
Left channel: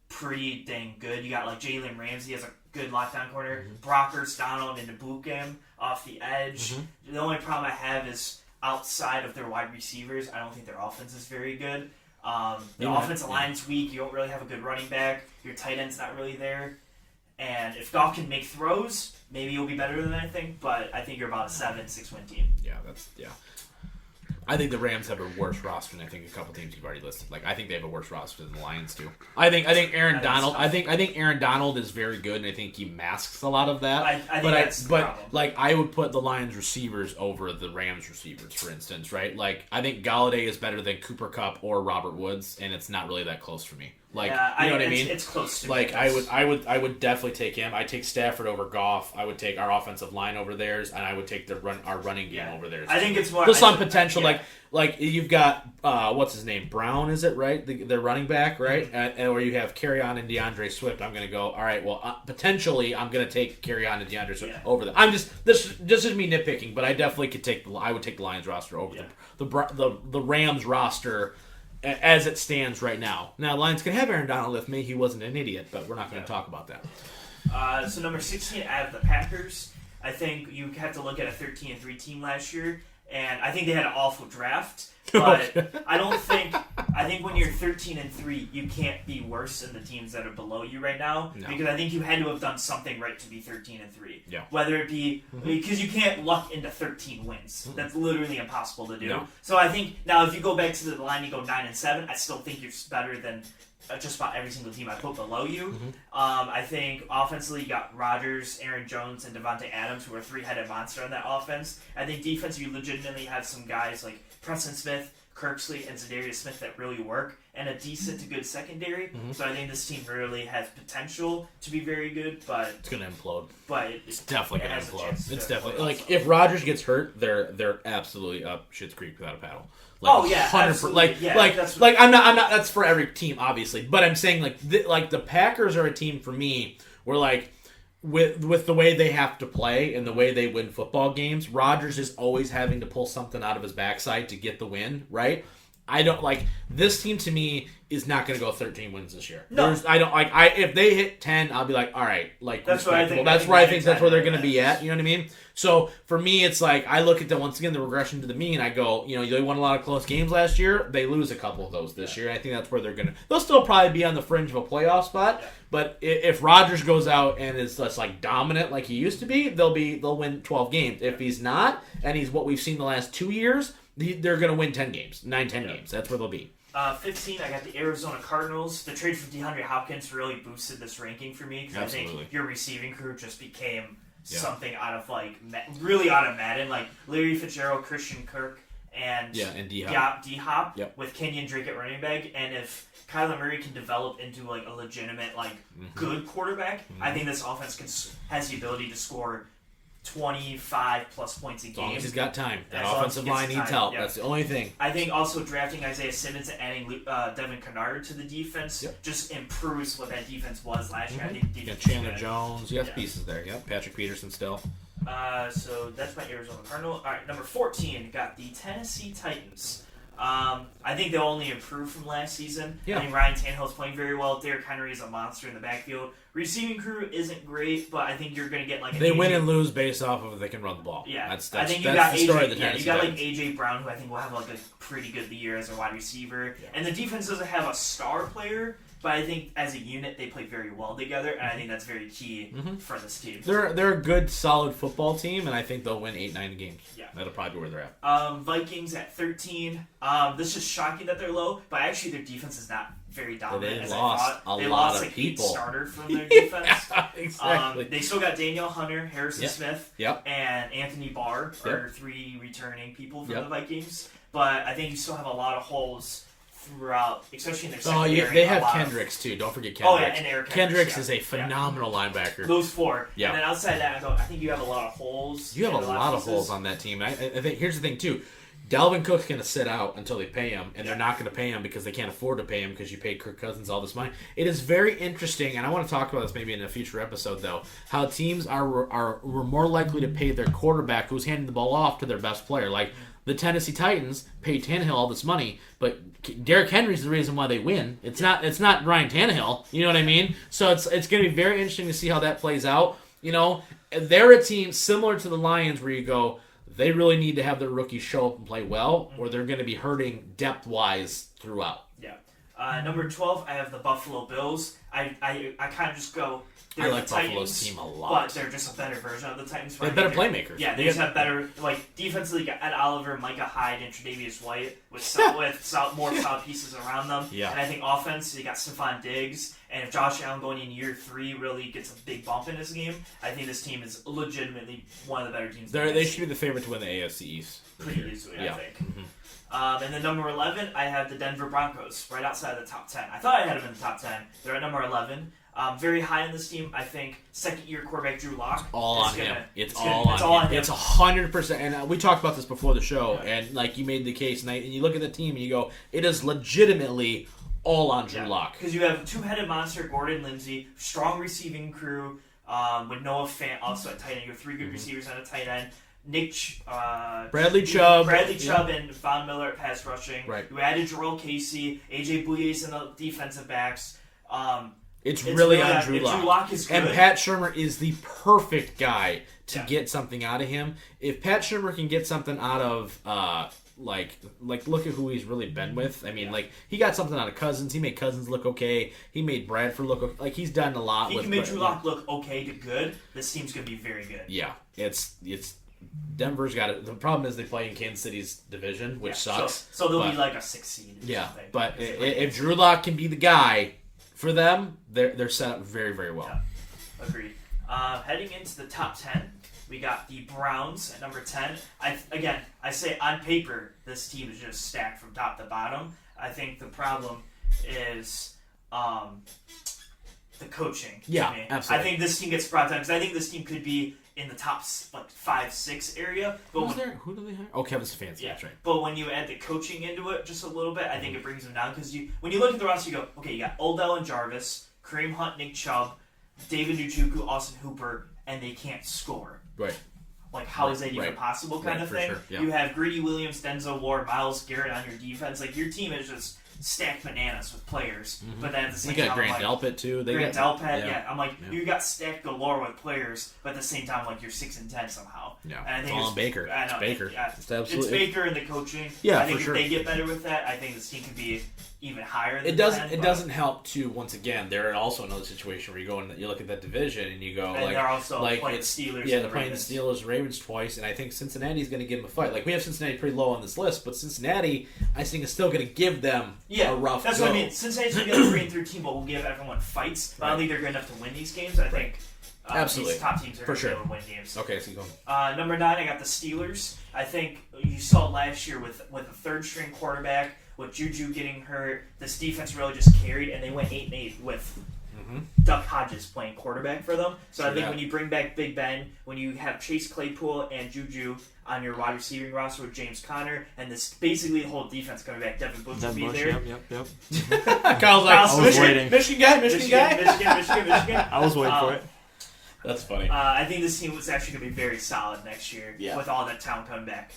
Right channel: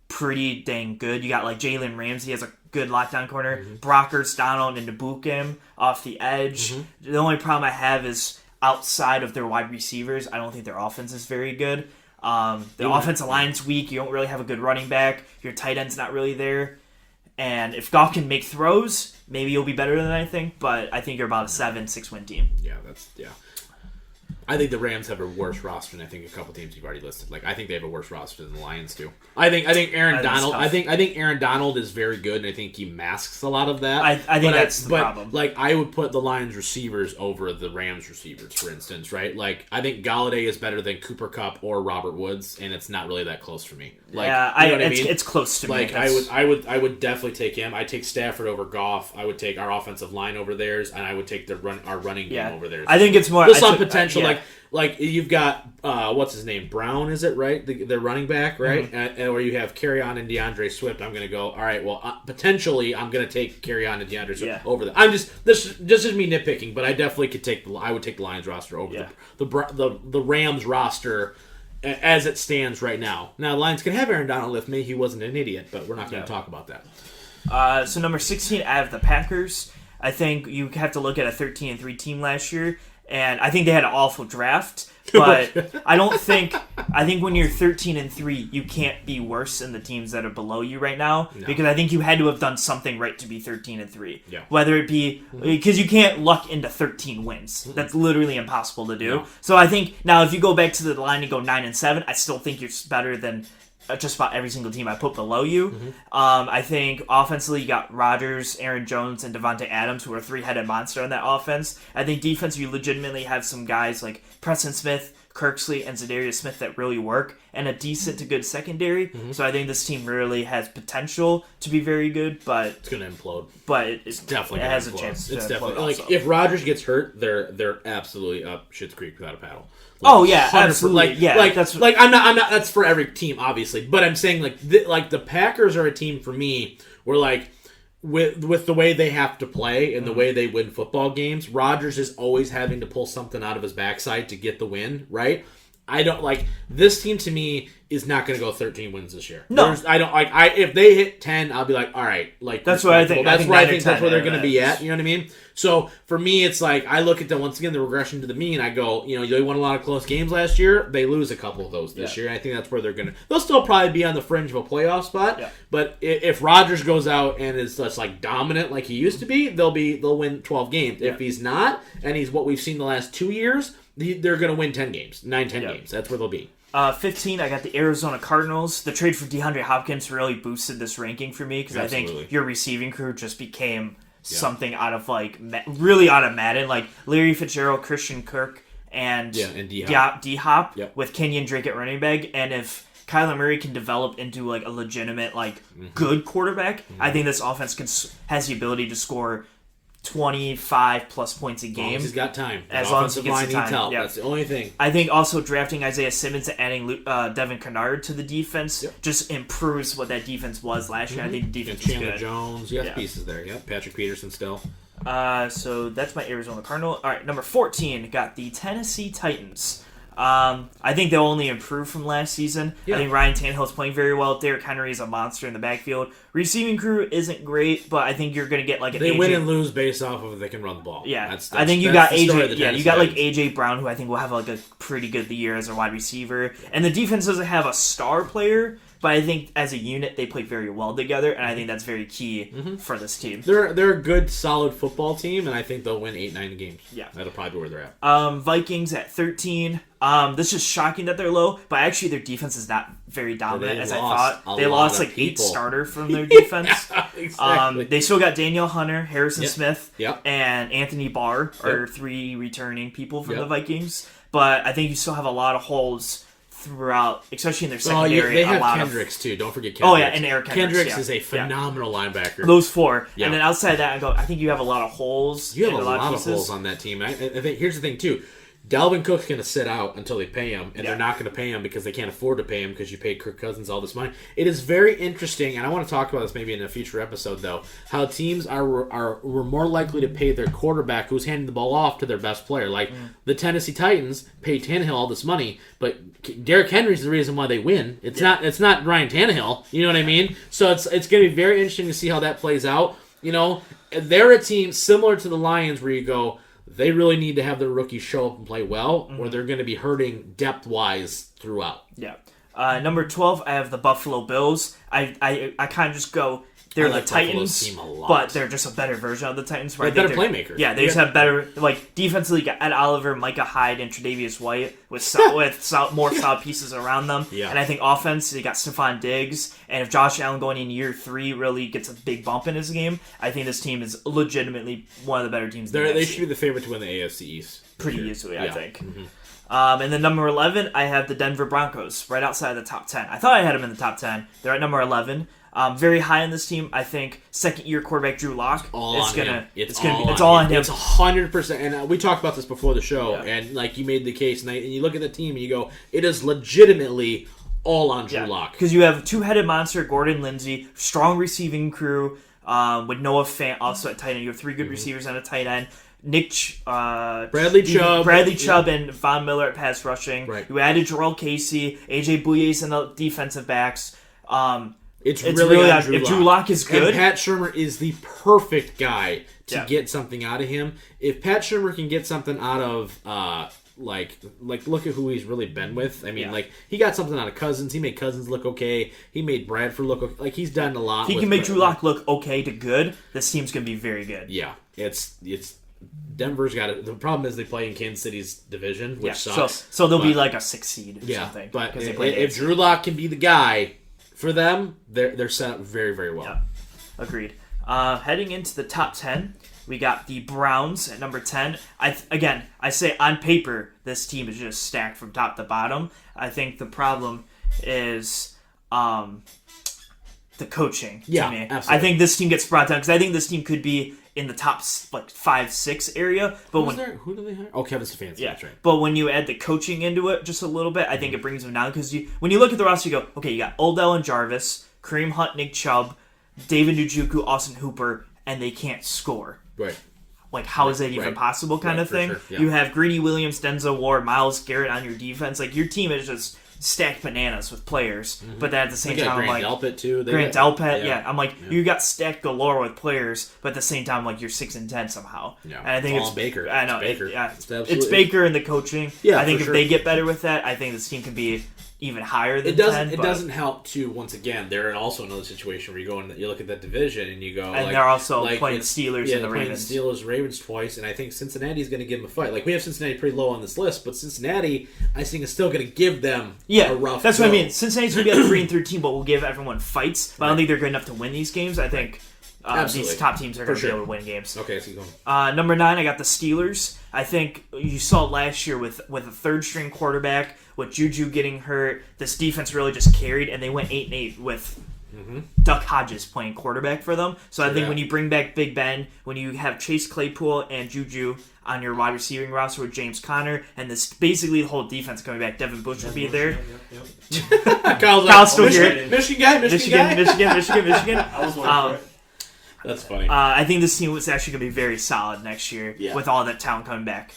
pretty dang good. You got like Jalen Ramsey has a good lockdown corner. Brockers, Donald, and Nabookim off the edge. The only problem I have is outside of their wide receivers, I don't think their offense is very good. The offensive line's weak. You don't really have a good running back. Your tight end's not really there. And if Goff can make throws, maybe you'll be better than I think. But I think you're about a 7-6 win team. Yeah. I think the Rams have a worse roster than I think a couple teams you've already listed. Like I think they have a worse roster than the Lions do. I think Aaron Donald. I think Aaron Donald is very good, and I think he masks a lot of that. I think that's the problem. Like I would put the Lions receivers over the Rams receivers, for instance, right? Like I think Galladay is better than Cooper Kupp or Robert Woods, and it's not really that close for me. Like you know what I mean? It's close to me. Like I would definitely take him. I take Stafford over Goff. I would take our offensive line over theirs, and I would take our running game over theirs. I think it's more just on potential. Like you've got what's his name, Brown, is it right? The running back, right? And where you have Kerryon and DeAndre Swift. I'm gonna go. All right, well potentially I'm gonna take Kerryon and DeAndre Swift over them. This is me nitpicking, but I definitely could take I would take the Lions roster over the Rams roster. As it stands right now. Now, the Lions can have Aaron Donald if he wasn't an idiot, but we're not going to talk about that. So number 16, I have the Packers. I think you have to look at a 13-3 team last year, and I think they had an awful draft. But I think when you're 13-3, you can't be worse than the teams that are below you right now. No. Because I think you had to have done something right to be 13-3. Yeah. Whether it be because you can't luck into 13 wins. Mm-hmm. That's literally impossible to do. No. So I think now if you go back to the line and go 9-7, I still think you're better than just about every single team I put below you. Mm-hmm. I think offensively you got Rodgers, Aaron Jones, and Devontae Adams, who are a three-headed monster on that offense. I think defense, you legitimately have some guys like Preston Smith, Kirksley, and Zadarius Smith that really work, and a decent to good secondary. Mm-hmm. So I think this team really has potential to be very good, but it's going to implode. But it's definitely going to implode. It's definitely like if Rodgers gets hurt, they're absolutely up Schitt's Creek without a paddle. Like, oh yeah, absolutely. I'm not. That's for every team, obviously. But I'm saying the Packers are a team for me where like with the way they have to play and the way they win football games, Rodgers is always having to pull something out of his backside to get the win. Right? I don't like this team. To me, is not going to go 13 wins this year. No, I don't like. If they hit 10, I'll be like, all right, like that's what I think. That's where I think that's where they're going to be at. You know what I mean? So for me, it's like I look at once again the regression to the mean. I go, they won a lot of close games last year. They lose a couple of those this year. I think that's where they're going to. They'll still probably be on the fringe of a playoff spot. Yeah. But if Rodgers goes out and is just like dominant like he used to be, they'll win 12 games. Yeah. If he's not, and he's what we've seen the last 2 years, they're going to win 10 games, 9-10 games. That's where they'll be. 15, I got the Arizona Cardinals. The trade for DeAndre Hopkins really boosted this ranking for me because I think your receiving crew just became something out of really out of Madden. Like Larry Fitzgerald, Christian Kirk, and D-Hop with Kenyon Drake at running back. And if Kyler Murray can develop into like a legitimate good quarterback, I think this offense has the ability to score 25 plus points a game. He's got time. That offensive line needs help. That's the only thing. I think also drafting Isaiah Simmons and adding Devin Kennard to the defense just improves what that defense was last year. I think the defense Chandler Jones. You got pieces there. Yep. Patrick Peterson still. So that's my Arizona Cardinal. All right, number 14 got the Tennessee Titans. I think they'll only improve from last season. Yeah. I think Ryan Tannehill's playing very well. Derrick Henry is a monster in the backfield. Receiving crew isn't great, but I think you're going to get they win and lose based off of if they can run the ball. Yeah, I think you got AJ. Yeah, you got AJ Brown, who I think will have a pretty good year as a wide receiver. Yeah. And the defense doesn't have a star player, but I think as a unit they play very well together, and I think that's very key for this team. They're a good, solid football team, and I think they'll win 8-9 games. Yeah, that'll probably be where they're at. Vikings at 13. This is shocking that they're low, but actually their defense is not very dominant as I thought. They lost 8 starters from their defense. Exactly. They still got Daniel Hunter, Harrison Smith, and Anthony Barr are 3 returning people from the Vikings. But I think you still have a lot of holes throughout, especially in their secondary. They have Kendricks too. Don't forget Kendricks. Oh yeah, and Eric Kendricks is a phenomenal linebacker. Those 4. Yeah. And then outside of that, I think you have a lot of holes. You have a lot of holes on that team. I think here's the thing too. Dalvin Cook's going to sit out until they pay him, and they're not going to pay him because they can't afford to pay him because you paid Kirk Cousins all this money. It is very interesting, and I want to talk about this maybe in a future episode, though, how teams were more likely to pay their quarterback who's handing the ball off to their best player. Like the Tennessee Titans paid Tannehill all this money, but Derrick Henry's the reason why they win. It's not Ryan Tannehill. You know what I mean? So it's going to be very interesting to see how that plays out. They're a team similar to the Lions where you go, they really need to have their rookies show up and play well, or they're going to be hurting depth-wise throughout. Yeah. Number 12, I have the Buffalo Bills. I kind of just go, they're the Titans, team a lot. But they're just a better version of the Titans. They're better playmakers. Yeah, they just have better, defensively, got Ed Oliver, Micah Hyde, and Tre'Davious White with more solid pieces around them. Yeah. And I think offense, they got Stephon Diggs, and if Josh Allen going in year 3 really gets a big bump in his game, I think this team is legitimately one of the better teams. They should be the favorite to win the AFC East. Pretty easily, I think. Mm-hmm. And then number 11, I have the Denver Broncos, right outside of the top 10. I thought I had them in the top 10. They're at number 11. Very high on this team. I think second-year quarterback Drew Lock. It's all on him. It's 100%. And we talked about this before the show, and you made the case, and you look at the team and you go, it is legitimately all on Drew Lock. Because you have two-headed monster Gordon Lindsay, strong receiving crew with Noah Fant also at tight end. You have 3 good receivers on a tight end. Bradley Chubb, and Von Miller at pass rushing. Right. You added Jarrell Casey, AJ Bouye's in the defensive backs. It's really on Drew if Lock. Drew Lock is good. And Pat Shurmur is the perfect guy to get something out of him. If Pat Shurmur can get something out of, like look at who he's really been with. I mean, like, he got something out of Cousins. He made Cousins look okay. He made Bradford look okay. Like, he's done a lot. He can make Drew Lock look okay to good. This team's going to be very good. Yeah. It's Denver's got it. The problem is they play in Kansas City's division, which sucks. So they'll be like a 6 seed or something. But if Drew Lock can be the guy for them, they're set up very, very well. Yeah. Agreed. Heading into the top 10, we got the Browns at number 10. I say on paper, this team is just stacked from top to bottom. I think the problem is the coaching. Yeah, to me. absolutely. I think this team gets brought down because I think this team could be in the top 5-6 area. But who do they hire? Oh, Kevin Stefanski. Yeah, that's right. But when you add the coaching into it just a little bit, I think it brings them down because when you look at the roster, you go, okay, you got Odell and Jarvis, Kareem Hunt, Nick Chubb, David Njoku, Austin Hooper, and they can't score. Right. Like, how is that even possible kind of thing? Sure. Yeah. You have Greedy Williams, Denzel Ward, Myles Garrett on your defense. Like, your team is just stacked bananas with players. Mm-hmm. But then at the same time, Grant Delpit, too. Grant Delpit, yeah. I'm like, you got stacked galore with players, but at the same time, like, you're 6-10 somehow. Yeah. And I think it's Baker. I know. It's Baker. Yeah. It's Baker and the coaching. Yeah, I think for if they get better with that, I think this team can be even higher than 10. It doesn't help to, once again, they're also another situation where you go and you look at that division and you go, and they're also playing the Steelers and the Ravens. Playing the Steelers, Ravens twice, and I think Cincinnati's going to give them a fight. Like, we have Cincinnati pretty low on this list, but Cincinnati, I think, is still going to give them a rough that's go. What I mean. Cincinnati's going to be at 3-13, but we'll give everyone fights. But I don't think they're good enough to win these games. I think these top teams are going to be able to win games. Okay, so going. Number 9, I got the Steelers. I think you saw last year with a third-string quarterback, with Juju getting hurt, this defense really just carried, and they went 8-8 with Duck Hodges playing quarterback for them. So I think when you bring back Big Ben, when you have Chase Claypool and Juju on your wide receiving roster with James Conner, and this basically the whole defense coming back, Devin Bush will be there. Yep. Kyle's Michigan guy. Michigan. I was waiting for it. That's funny. I think this team was actually going to be very solid next year with all that talent coming back.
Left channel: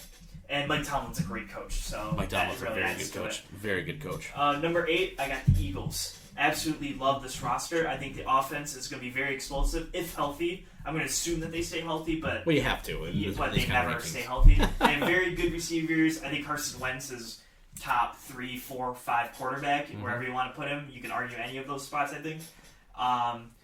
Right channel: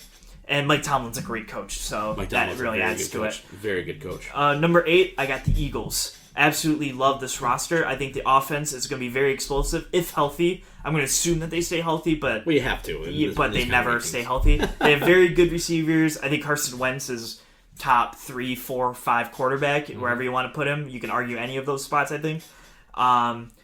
And Mike Tomlin's a great coach, so that really adds to it. Very good coach. Number 8, I got the Eagles. Absolutely love this roster. I think the offense is going to be very explosive, if healthy. I'm going to assume that they stay healthy, but you have to. But they never stay healthy. They have very good receivers. I think Carson Wentz is top 3, 4, 5 quarterback, wherever you want to put him. You can argue any of those spots, I think.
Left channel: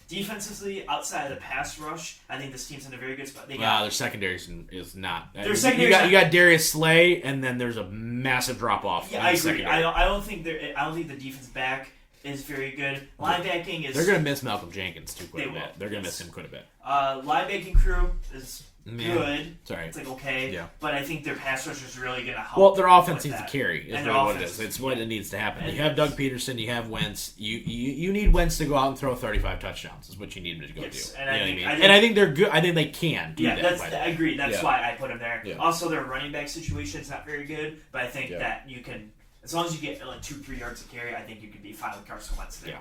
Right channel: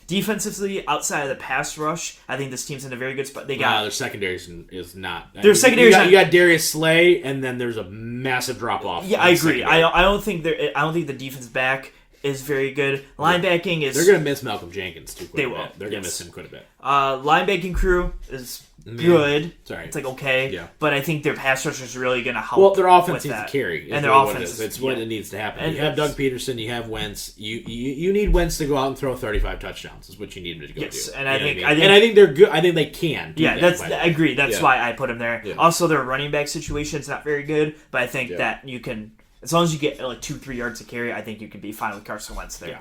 Defensively, outside of the pass rush, I think this team's in a very good spot. Their secondary is not. Their secondary. You got Darius Slay, and then there's a massive drop off. Yeah, I agree. I don't think the defense back is very good. Linebacking is. They're gonna miss Malcolm Jenkins too. They will. They're gonna miss him quite a bit. Linebacking crew is good. Sorry. It's like okay. Yeah. But I think their pass rush is really going to help. Well, their offense needs to carry. And their offense, what it is. It's what it needs to happen. And you have Doug Peterson. You have Wentz. You need Wentz to go out and throw 35 touchdowns. Is what you need him to go do. And I think they're good. I think they can. Do that, I agree. That's why I put him there. Yeah. Also, their running back situation is not very good, but I think that you can, as long as you get like 2-3 yards to carry, I think you can be fine with Carson Wentz there.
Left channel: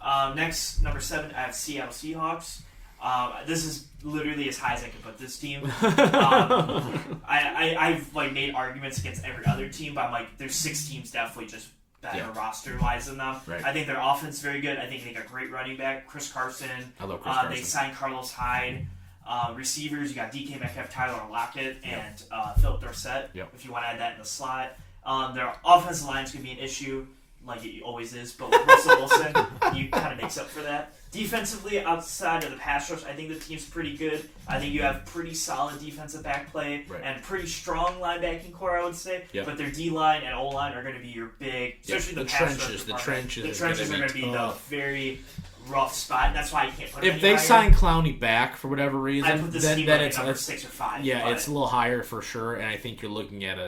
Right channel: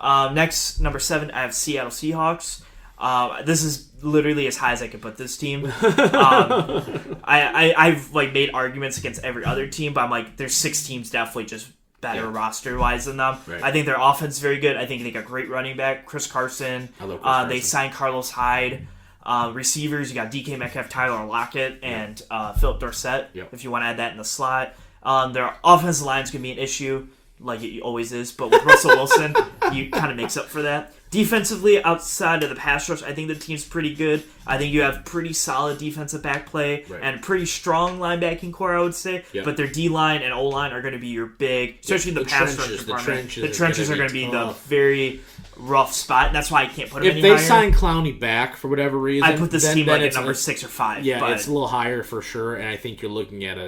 Yeah. Next, number 7, I have Seattle Seahawks. This is literally as high as I can put this team. I've like made arguments against every other team, but I'm like, there's 6 teams definitely just better roster wise than them. Right. I think their offense is very good. I think they got great running back, Chris Carson. I love Chris Carson. They signed Carlos Hyde. Receivers, you got DK Metcalf, Tyler Lockett, and Philip Dorsett. If you want to add that in the slot, their offensive line is going to be an issue, like it always is. But with Russell Wilson, you kind of makes up for that. Defensively, outside of the pass rush, I think the team's pretty good. I think you have pretty solid defensive back play and pretty strong linebacking core, I would say. Yep. But their D-line and O-line are going to be your big, especially the pass rush. The trenches are going to be the very rough spot, and that's why I can't put them if they sign Clowney back for whatever reason, I put this team like at number 6 or 5. Yeah, it's a little higher for sure, and I think you're looking at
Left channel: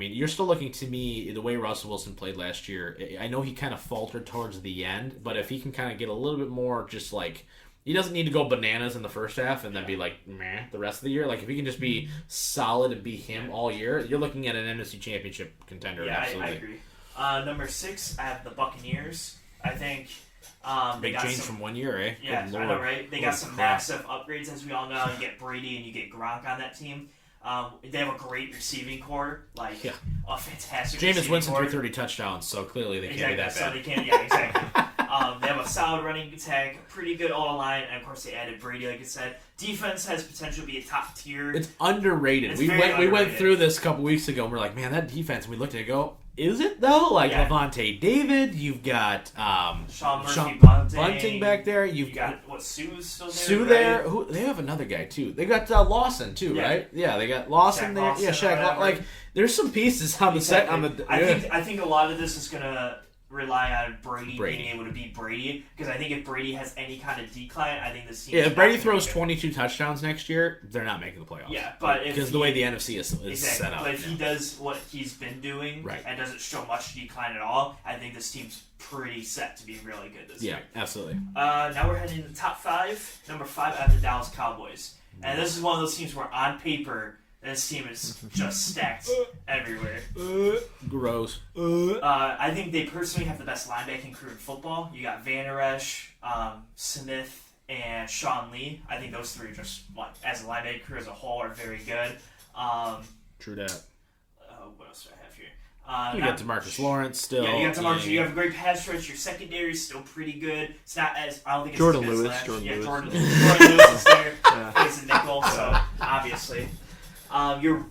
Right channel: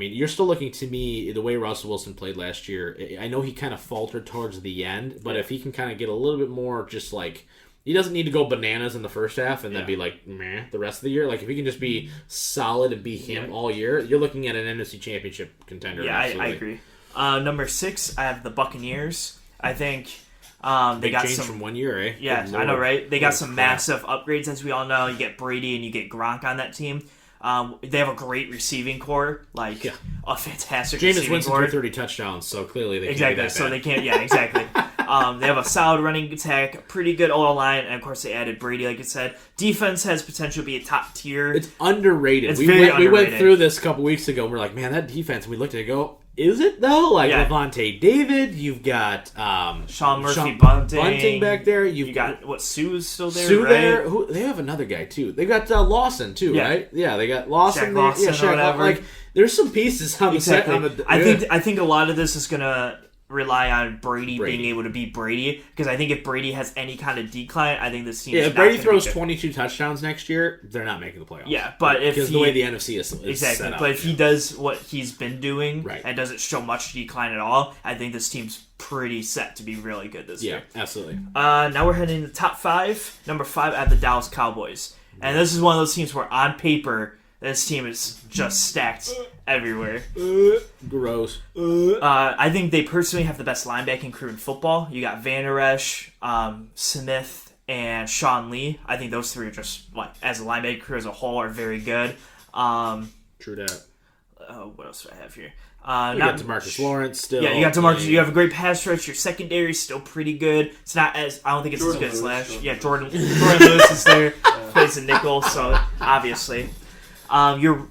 you're still looking to me the way Russell Wilson played last year. I know he kind of faltered towards the end, but if he can kind of get a little bit more, just like he doesn't need to go bananas in the first half and then be like meh the rest of the year. Like if he can just be solid and be him all year, you're looking at an NFC Championship contender. Yeah, absolutely. I agree. Number 6, I have the Buccaneers. I think. Big change from 1 year, eh? Yeah, I know, right? They got some massive upgrades, as we all know. You get Brady and you get Gronk on that team. They have a great receiving core, like a fantastic Jameis receiving Winston core. threw 30 touchdowns, so clearly they can't be that bad. So they can't, exactly. They have a solid running attack, pretty good O-line, and of course they added Brady, like I said. Defense has potential to be a top tier. It's underrated. We went through this a couple weeks ago, and we're like, man, that defense, and we looked at it and go, is it though? Like Levante David, you've got Sean Bunting back there. You got Sue's still there. Sue right? there. They have another guy too. They got Lawson too, right? Yeah, they got Lawson there. Shaq. Like there's some pieces on the set. I think a lot of this is gonna rely on Brady being able to beat Brady, because I think if Brady has any kind of decline, I think this team. Yeah, if Brady throws 22 touchdowns next year, they're not making the playoffs. Yeah, but because the way the NFC is set up. But if he does what he's been doing and doesn't show much decline at all, I think this team's pretty set to be really good this year. Yeah, absolutely. Now we're heading to the top 5. Number 5, I have the Dallas Cowboys, and this is one of those teams where on paper this team is just stacked everywhere. Gross. I think they personally have the best linebacking crew in football. You got Van Der Esch, Smith, and Sean Lee. I think those three are just, as a linebacking crew as a whole, are very good. True that. What else do I have here? You got DeMarcus Lawrence still. Yeah, you got DeMarcus. You have a great pass rush. Your secondary is still pretty good. It's not as, I don't think it's as good as last year. Yeah, Jordan Lewis is there. Plays a nickel, so obviously. You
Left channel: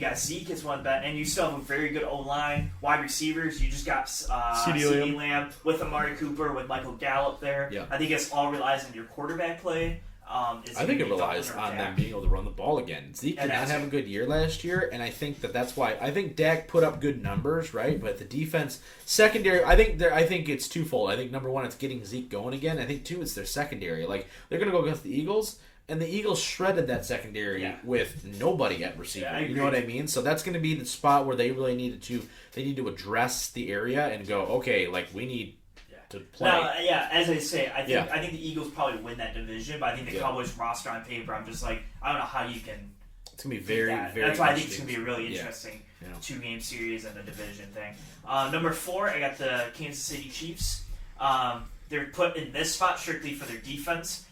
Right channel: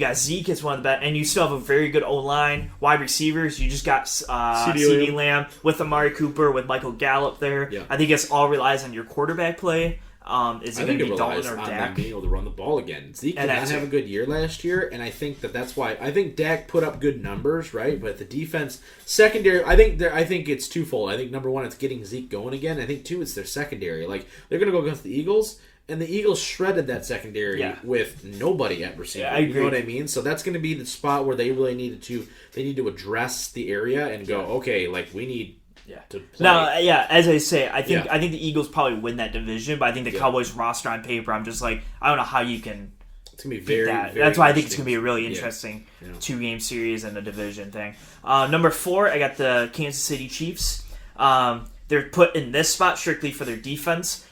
got Zeke as one of the best, and you still have a very good O-line. Wide receivers, you just got CeeDee Lamb with Amari Cooper, with Michael Gallup there. Yeah. I think it all relies on your quarterback play. I think it relies on them being able to run the ball again. Zeke did not have a good year last year, and I think that's why. I think Dak put up good numbers, right? But the defense, secondary, I think it's twofold. I think number one, it's getting Zeke going again. I think two, it's their secondary. Like they're gonna go against the Eagles. And the Eagles shredded that secondary with nobody at receiver. Yeah, you know what I mean? So that's going to be the spot where they really need to address the area and go, okay, like we need to play. Now, as I say, I think the Eagles probably win that division, but I think the Cowboys roster on paper, I'm just like, I don't know how you can. It's gonna be very That's why I think it's gonna be a really interesting 2-game series and a division thing. Number 4, I got the Kansas City Chiefs. They're put in this spot strictly for their defense.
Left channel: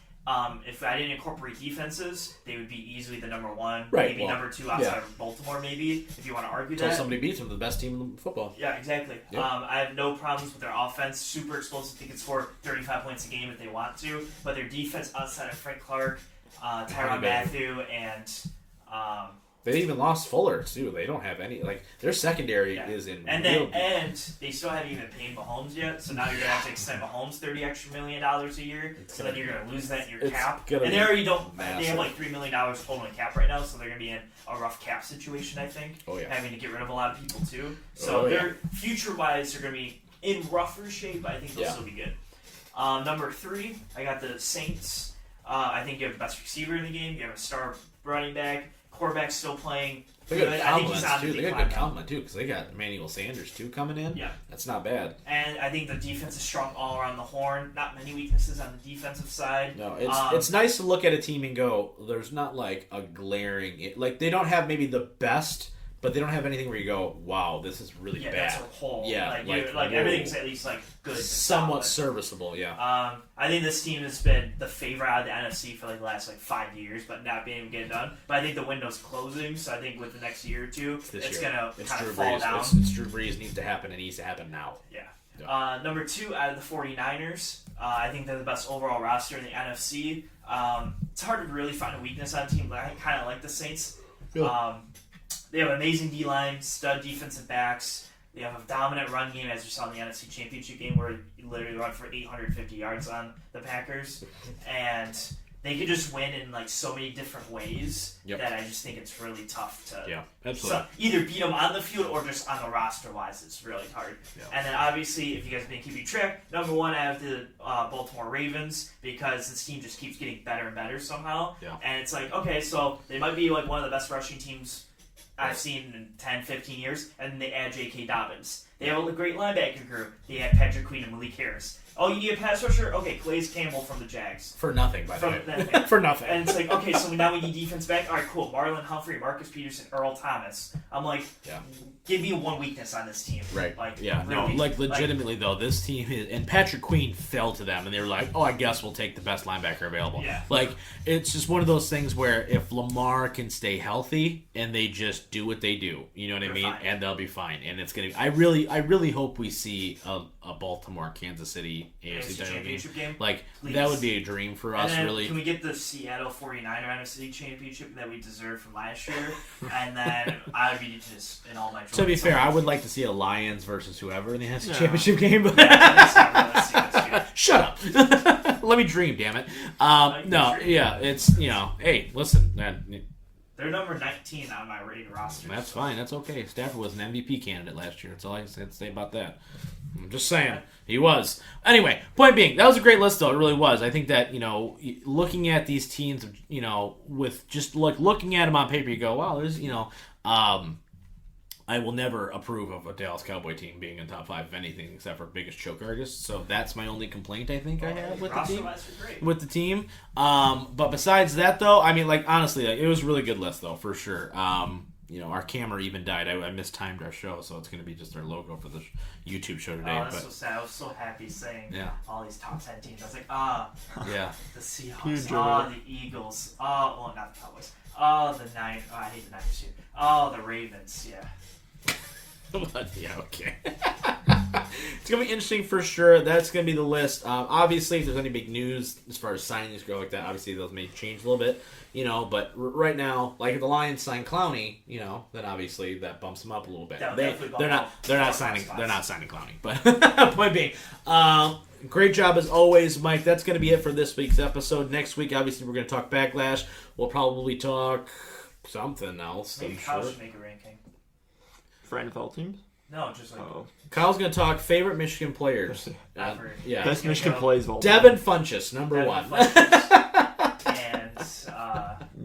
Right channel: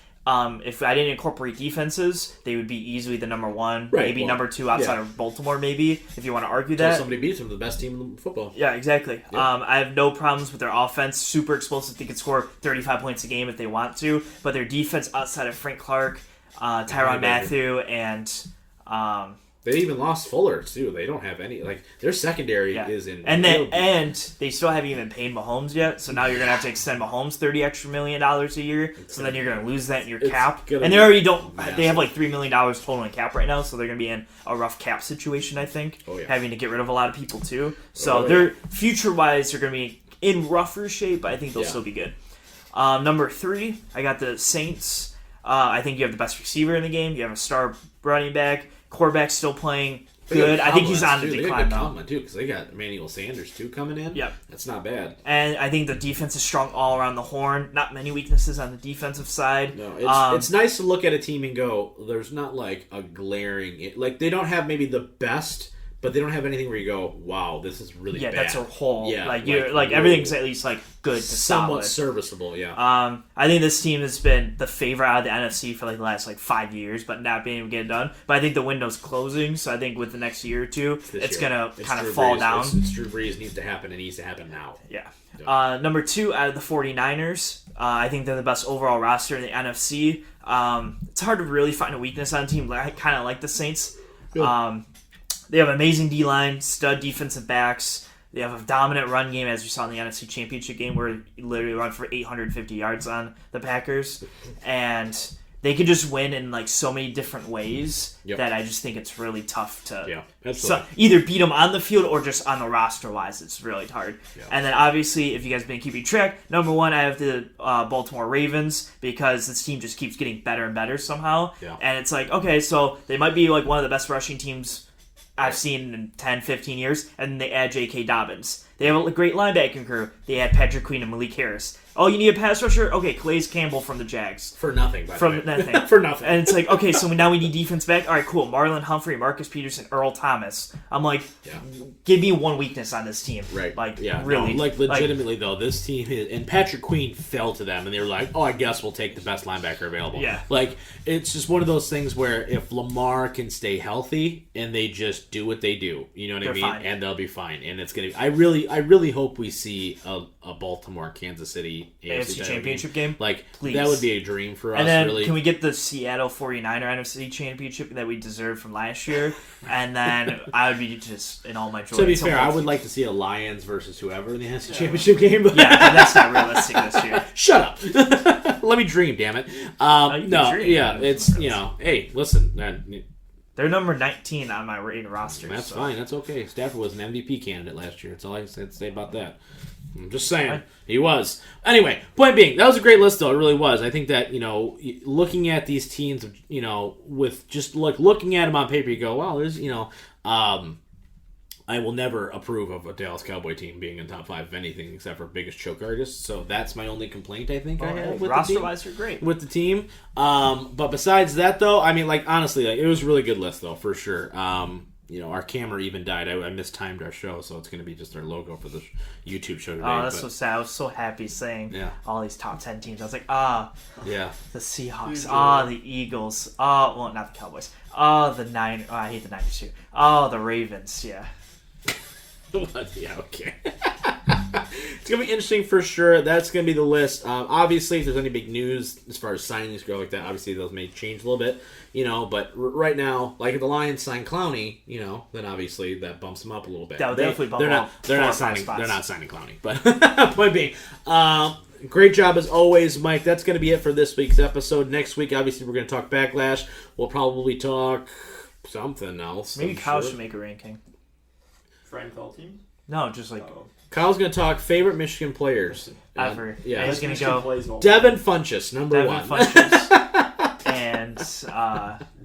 If I didn't incorporate defenses, they would be easily the number 1, maybe number 2 outside of Baltimore, maybe, if you want to argue that. Until somebody beats them, the best team in football. Yeah, exactly. Yep. I have no problems with their offense. Super explosive. They can score 35 points a game if they want to. But their defense outside of Frank Clark, Tyrann Mathieu, and... they even lost Fuller, too. They don't have any... Like, their secondary is in... And they still haven't even paid Mahomes yet, so now you're going to have to extend Mahomes $30 million a year, so then you're going to lose that in your cap. And they already don't... Massive. They have like $3 million total in cap right now, so they're going to be in a rough cap situation, I think. Having to get rid of a lot of people, too. So they're future-wise, they're going to be in rougher shape, but I think they'll still be good. Number 3, I got the Saints. I think you have the best receiver in the game. You have a star running back. Quarterback's still playing good. I think he's on the decline. They got good Tomlin, too, because they got Emmanuel Sanders, too, coming in. Yeah. That's not bad. And I think the defense is strong all around the horn. Not many weaknesses on the defensive side. No, it's nice to look at a team and go, there's not like a glaring... Like, they don't have maybe the best... But they don't have anything where you go, wow, this is really bad. Yeah, that's a whole. Yeah, like everything's at least like good to somewhat solid. serviceable. Yeah. I think this team has been the favorite out of the NFC for like the last 5 years, but not being able to get it done. But I think the window's closing, so I think with the next year or two, it's gonna kind of fall down. It's Drew Brees needs to happen. It needs to happen now. Yeah. Number 2 out of the 49ers. I think they're the best overall roster in the NFC. It's hard to really find a weakness on a team. I kind of like the Saints. Yeah. They have an amazing D-line, stud defensive backs. They have a dominant run game, as we saw in the NFC Championship game, where he literally run for 850 yards on the Packers. And they could just win in so many different ways that I just think it's really tough to either beat them on the field or just on the roster-wise. It's really hard. Yeah. And then, obviously, if you guys have been keeping track, number 1, I have the Baltimore Ravens, because this team just keeps getting better and better somehow. Yeah. And it's okay, so they might be one of the best rushing teams I've seen in 10, 15 years, and they add J.K. Dobbins. They have a great linebacking crew. They add Patrick Queen and Malik Harris. Oh, you need a pass rusher? Okay, Calais Campbell from the Jags. For nothing, by the From way. nothing. For nothing. And it's like, okay, so now we need defense back? All right, cool. Marlon Humphrey, Marcus Peterson, Earl Thomas. I'm like, give me one weakness on this team. Right. Like, No, really. like, legitimately, though, this team is... And Patrick Queen fell to them, and they were like, oh, I guess we'll take the best linebacker available. Yeah. Like, it's just one of those things where if Lamar can stay healthy and they just do what they do, you know what I mean? Fine. And they'll be fine. And it's going to be... I really hope we see a Baltimore-Kansas City AFC Championship game. Like, Please. that would be a dream for us, and then really. Can we get the Seattle 49er NFC Championship that we deserved from last year? And then I would be just in all my joy. To be fair, I would like to see a Lions versus whoever in the NFC Yeah. Championship game. Yeah, but that's not realistic this year. Shut up. Let me dream, damn it. No, dream. yeah, it's, hey, listen, man, They're number 19 on my rating roster. that's fine. That's okay. Stafford was an MVP candidate last year. That's all I had to say about that. I'm just saying. He was. Anyway, point being, that was a great list, though. It really was. I think that, looking at these teams, with just looking at them on paper, you go, wow, there's, I will never approve of a Dallas Cowboy team being in top 5 of anything except for biggest choke artists. So that's my only complaint, I think, I have with the team. Roster-wise, you're great. With the team. But besides that, though, I mean, honestly, it was a really good list, though, for sure. Our camera even died. I mistimed our show, so it's going to be just our logo for the YouTube show today. Oh, that's so sad. I was so happy saying all these top 10 teams. I was like, yeah, the Seahawks, Huge the Eagles, well, not the Cowboys, the Niners. Oh, I hate the Niners too. The Ravens, yeah. yeah, okay. It's going to be interesting for sure. That's going to be the list. Obviously, if there's any big news as far as signings go like that, obviously those may change a little bit, but right now, like if the Lions sign Clowney, then obviously that bumps them up a little bit. That would definitely bump them up. They're not signing Clowney, but point being, great job as always, Mike. That's going to be it for this week's episode. Next week, obviously, we're going to talk Backlash. We'll probably talk something else. Maybe Kyle should make a ranking. For NFL teams? No, just like Kyle's going to talk favorite Michigan players. ever. Yeah. Best Michigan plays all Devin Funchess, number Devin 1. Funchess. And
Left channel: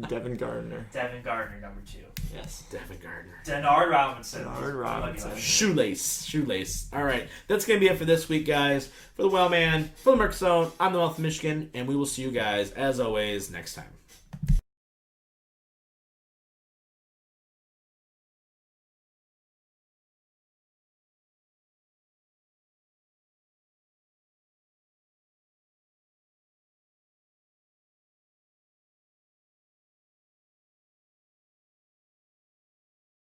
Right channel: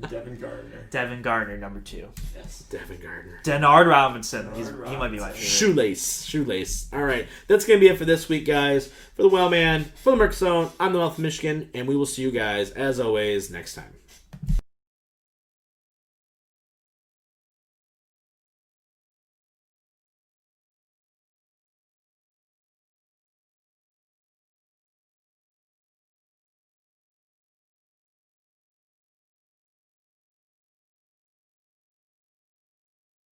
Devin Gardner. Devin Gardner, number 2. Yes. Devin Gardner. Denard Robinson. He might be my favorite. Shoelace. All right. That's going to be it for this week, guys. For the Wellman, for the Merc Zone, I'm the Mouth of Michigan, and we will see you guys, as always, next time.